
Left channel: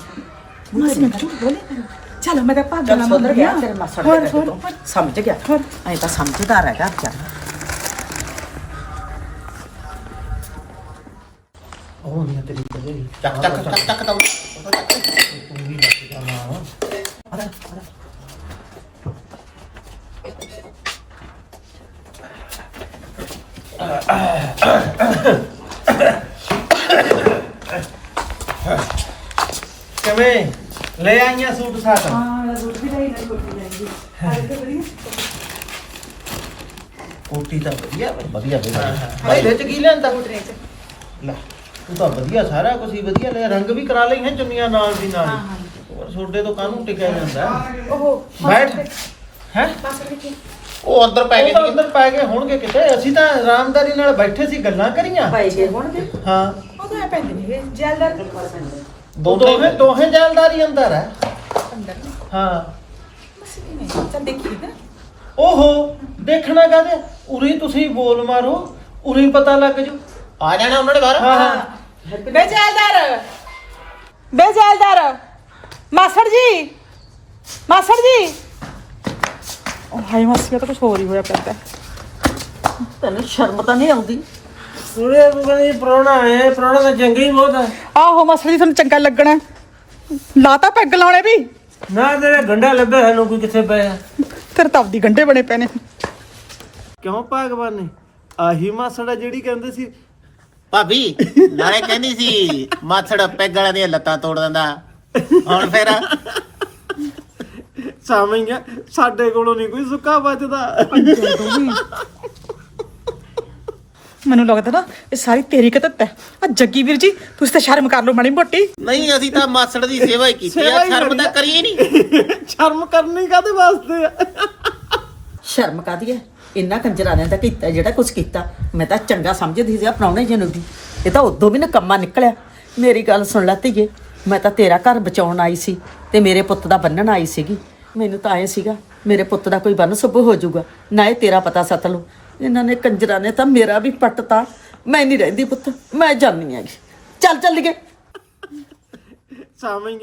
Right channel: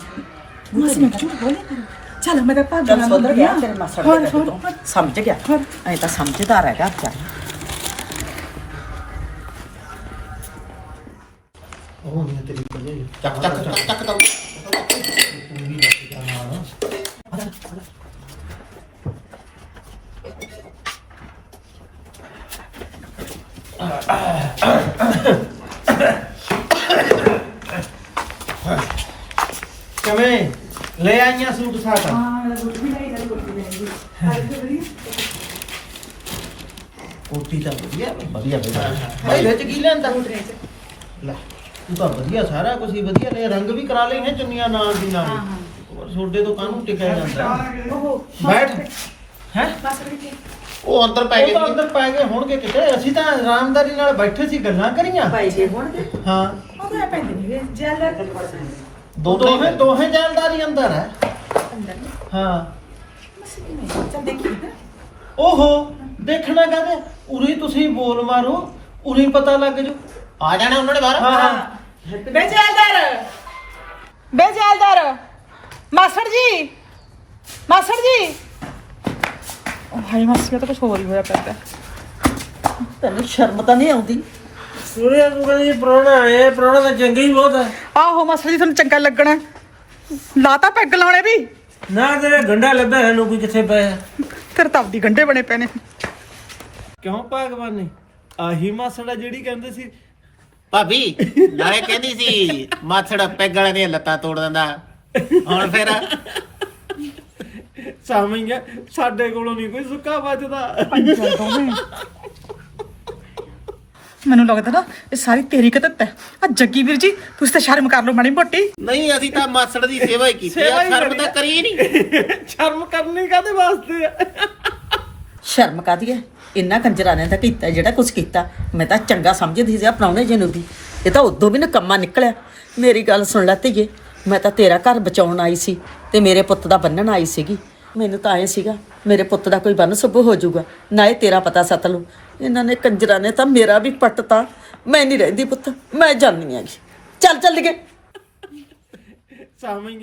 ਮਾਸੀ ਮੈਂ ਝੂਠ ਬੋਲੇ। ਕਰ ਚੱਲ ਮੈਂ ਤਾਂ ਭਾਗ ਚੱਲ ਨਾਲ ਸੁਧਰ ਗਿਆ ਹੁੰਦੀ ਆ। ਤੇਰੇ ਮਾਸੜ ਹੋਰ, ਦੇ ਹੋਰ। ਤੋਂ। ਸਮਝ ਗਿਆ। ਐ ਤਾਂ ਸਮਝਦਾਰ ਹੈਗਾ ਵਿਚਾਰਾ। ਉਹ ਨਹੀਂ ਤੇਰੀ ਭਰਜਾਈ ਟਕ ਟਕ ਟਕ ਟਕ ਤੂੰ ਵੀ ਲੱਗ ਜਾ ਨਾਲ ਕਿਵੇਂ? ਲੈ ਆਈਆਂ ਸੂਟ ਸਾਟ ਹਾਂ ਇਹ ਰੋਟੀ ਵੀ ਨਹੀਂ ਰੋਟੀ ਲੈ ਗਈ ਆਏ ਤੇ ਬੜੀ ਕੋਟੀ ਤਾਂ ਵਧੀਆ ਬਈ, ਵਧੀਆ। ਵਧੀਆ ਭਾਈ ਵਿੱਚ ਕੀ ਲੈਂਦਾ ਲੈ। ਤੂੰ ਤਾਂ ਵਧੀਆ ਸਾਰਾ ਕੁਝ ਹੀ ਵਧੀਆ ਲੈ ਰੰਗ ਵੀ ਕਰਾ ਲਈ ਹੈ ਚੁੰਨੀਆਂ ਨਾਲ ਦੀ ਨਾਲ ਹੋਰ ਛੋਡੇ ਤੋਂ ਕਾਹਨੂੰ ਟਿਕਿਆ ਜਾਂਦਾ? ਉਹ ਬੈਠ। ਹੈ? ਬਸ ਰੁਕੀ ਉਹ ਅੰਦਰ ਪੈ ਉਹ ਗਏ। ਤਾਂ। ਅੰਦਰ ਪੈ ਗਏ ਹੋਣਗੇ ਕਿਤੇ। ਅਸੀਂ ਤਾਂ ਆਰਾਮਦਾਰੀ ਨਾਲ ਬੈਠੇ ਸੀ ਗੱਲਾਂ ਕਰੀਆਂ। ਭਾਈ ਜੇ ਹੋਣਗੇ। ਹਾਂ। ਉਹ ਤਾਂ ਐ ਪੈਂਦੇ ਨਹੀਂ ਵੇ ਜੈਲਰ ਦੋਹੇ ਦੋਹੇ ਜੈਲਦਾਰੀ ਅੰਦਰ ਹੈ। ਅੰਦਰ ਹਾਂ। ਮਸੀ ਕਿਵੇਂ? ਚੱਲ ਦੇਖੀ ਨਾ ਓਹੋ ਦੇਖਣਾ ਕਾਹਦੇ? ਉਰੇ ਹੀ ਤੁਸੀਂ ਬੋਲ ਮਾਰੋ। ਉਰੇ ਹੀ ਪਤਾ ਲੱਗ ਜੂ ਆ ਜਾਣਾ ਉਹਨਾਂ ਨੇ ਬਾਹਰ? ਹਾਂ। ਬੇ ਜੈਲਦਾਰ। ਬੇ ਜੈਲਦਾਰ। ਮਾਸੜ ਜੀ। ਮਾਸੜ ਜੀ। ਉਹ ਹਾਈ ਮਾਸੀ ਤਾਂ ਕੁਝ ਹੋਰ ਹੀ ਹੋਇਆ ਪੈਂਦਾ ਤੈਨੂੰ ਸ਼ਰਮ ਤਾਂ ਨਹੀਂ ਆਉਂਦੀ? ਸੂਰਿਆ ਤੂੰ ਕਹਿੰਦੀ ਪ੍ਰਾਹੁਣਾ ਹੈ ਪ੍ਰਾਹੁਣਾ ਤਾਂ ਚੰਗਾ ਹੀ ਬਹੁਤ ਹੈ। ਆਹੋ ਮਾਸੜ ਜੀ ਤੁਹਾਨੂੰ ਚੰਗਾ ਲੱਗਣਾ। ਲਾਤਾ ਪੈਗ ਲਾਉਣੇ ਵੀ। ਨਾ ਤੇਰੇ ਗੰਡਾ ਲੱਭਿਆ ਕੋਈ ਕਿੱਥੇ ਪਿਆ ਤੇਰੇ ਤਾਂ ਆਪਦੀ ਬਣੇ ਪਏ ਨੇ। ਕਿਉਂ ਭਗਵਾਨ ਨੇ? ਆਹੀ ਮਾਸੜਾ ਜਿਹੜੀ ਕਹਿੰਦੇ ਸੀ ਭਾਬੀ ਨਾਲੇ ਕਹਿੰਦੀ ਸੀ ਮਾਥੜ ਪੈਗ ਵਾਲਿਆਂ ਦੀਆਂ ਲੱਤਾਂ ਤੋੜ ਦਿੰਦਾ। ਹੁਣ ਫਿਰ? ਸਾਵੇਂ ਸਾਡੇ ਕੋਲੋਂ ਨਹੀਂ ਕੋਈ ਸੁੱਕਾ ਬਚਦਾ ਮੈਨੂੰ ਲੱਗਦਾ ਨਾ ਇਹ ਸਾਰੀ ਤੇਰੀ ਕਤਤ ਹੈ ਆ ਜੱਗੀ ਵੀਰ ਜੀ ਤੁਸੀਂ ਤਾਂ ਸ਼ਰਮ ਕਰ ਲਓ ਮਾੜੀ ਮੋਟੀ। ਨਹੀਂ ਅਸੀਂ ਤਾਂ ਮਾਸੜ ਦੀ ਸੇਵਾ ਹੀ ਕੀਤੀ ਸੇਵਾ ਆ ਹੀ ਸ਼ਰਮ ਤਾਂ ਆ। ਕਰੀਏ ਨਹੀਂ ਸ਼ਰਮ ਕਰਨੀ ਕਾਦੇ ਵਾਸਤੇ ਆ? ਸ਼ਰਮ ਕਾਦੀ ਹੈ ਇੰਨਾ ਕੰਜਰਾਂ ਨੇ ਤਾਂ ਕੀਤਾ ਜਿਹੜਾ ਕੁਝ ਕੀਤਾ ਮੈਂ ਤਾਂ ਚੰਗਾ ਸਮਝਦੀ ਸੀ ਪ੍ਰਾਹੁਣੇ ਜੀ ਨੂੰ ਦੀ ਇਹ ਤਾਂ ਉਦੋਂ ਵੀ ਨਕੰਮਾ ਨਿਕਲਿਆ। ਮੇਰੀ ਗੱਲ ਸੁਣ ਲੈ ਧੀਏ ਮੈਂ ਤਾਂ ਤੇਰਾ ਘਰ ਬਚਾਉਣ ਆਈ ਸੀ ਤੇ ਮੇਰੇ ਪੁੱਤ ਦਾ ਬੰਨਣ ਆਈ ਸੀਗੀ। ਮੈਨੂੰ ਤਾਂ ਐ ਸੀਗਾ ਮੇਰੇ ਪੁੱਤ ਦਾ ਕੋਈ ਬੰਨ ਸੁਭ ਹੋ ਜਾਊਗਾ ਨਾ ਇਹ ਤੇਰਾ ਪਤਾ ਸਤ ਲੂ ਇਹਨਾਂ ਨੇ ਕੰਜਰਾਂ ਨੇ ਤਾਂ ਮੇਰਾ ਵੀ ਪੱਟਤਾ। ਮੈਂ ਨਹੀਂ ਰਹਿੰਦੀ ਪੁੱਤ ਮੈਂ ਜਾਂਦੀ ਹੈਗੀ। ਚੱਲ ਚੱਲ ਗਏ ਸਾਵੇਂ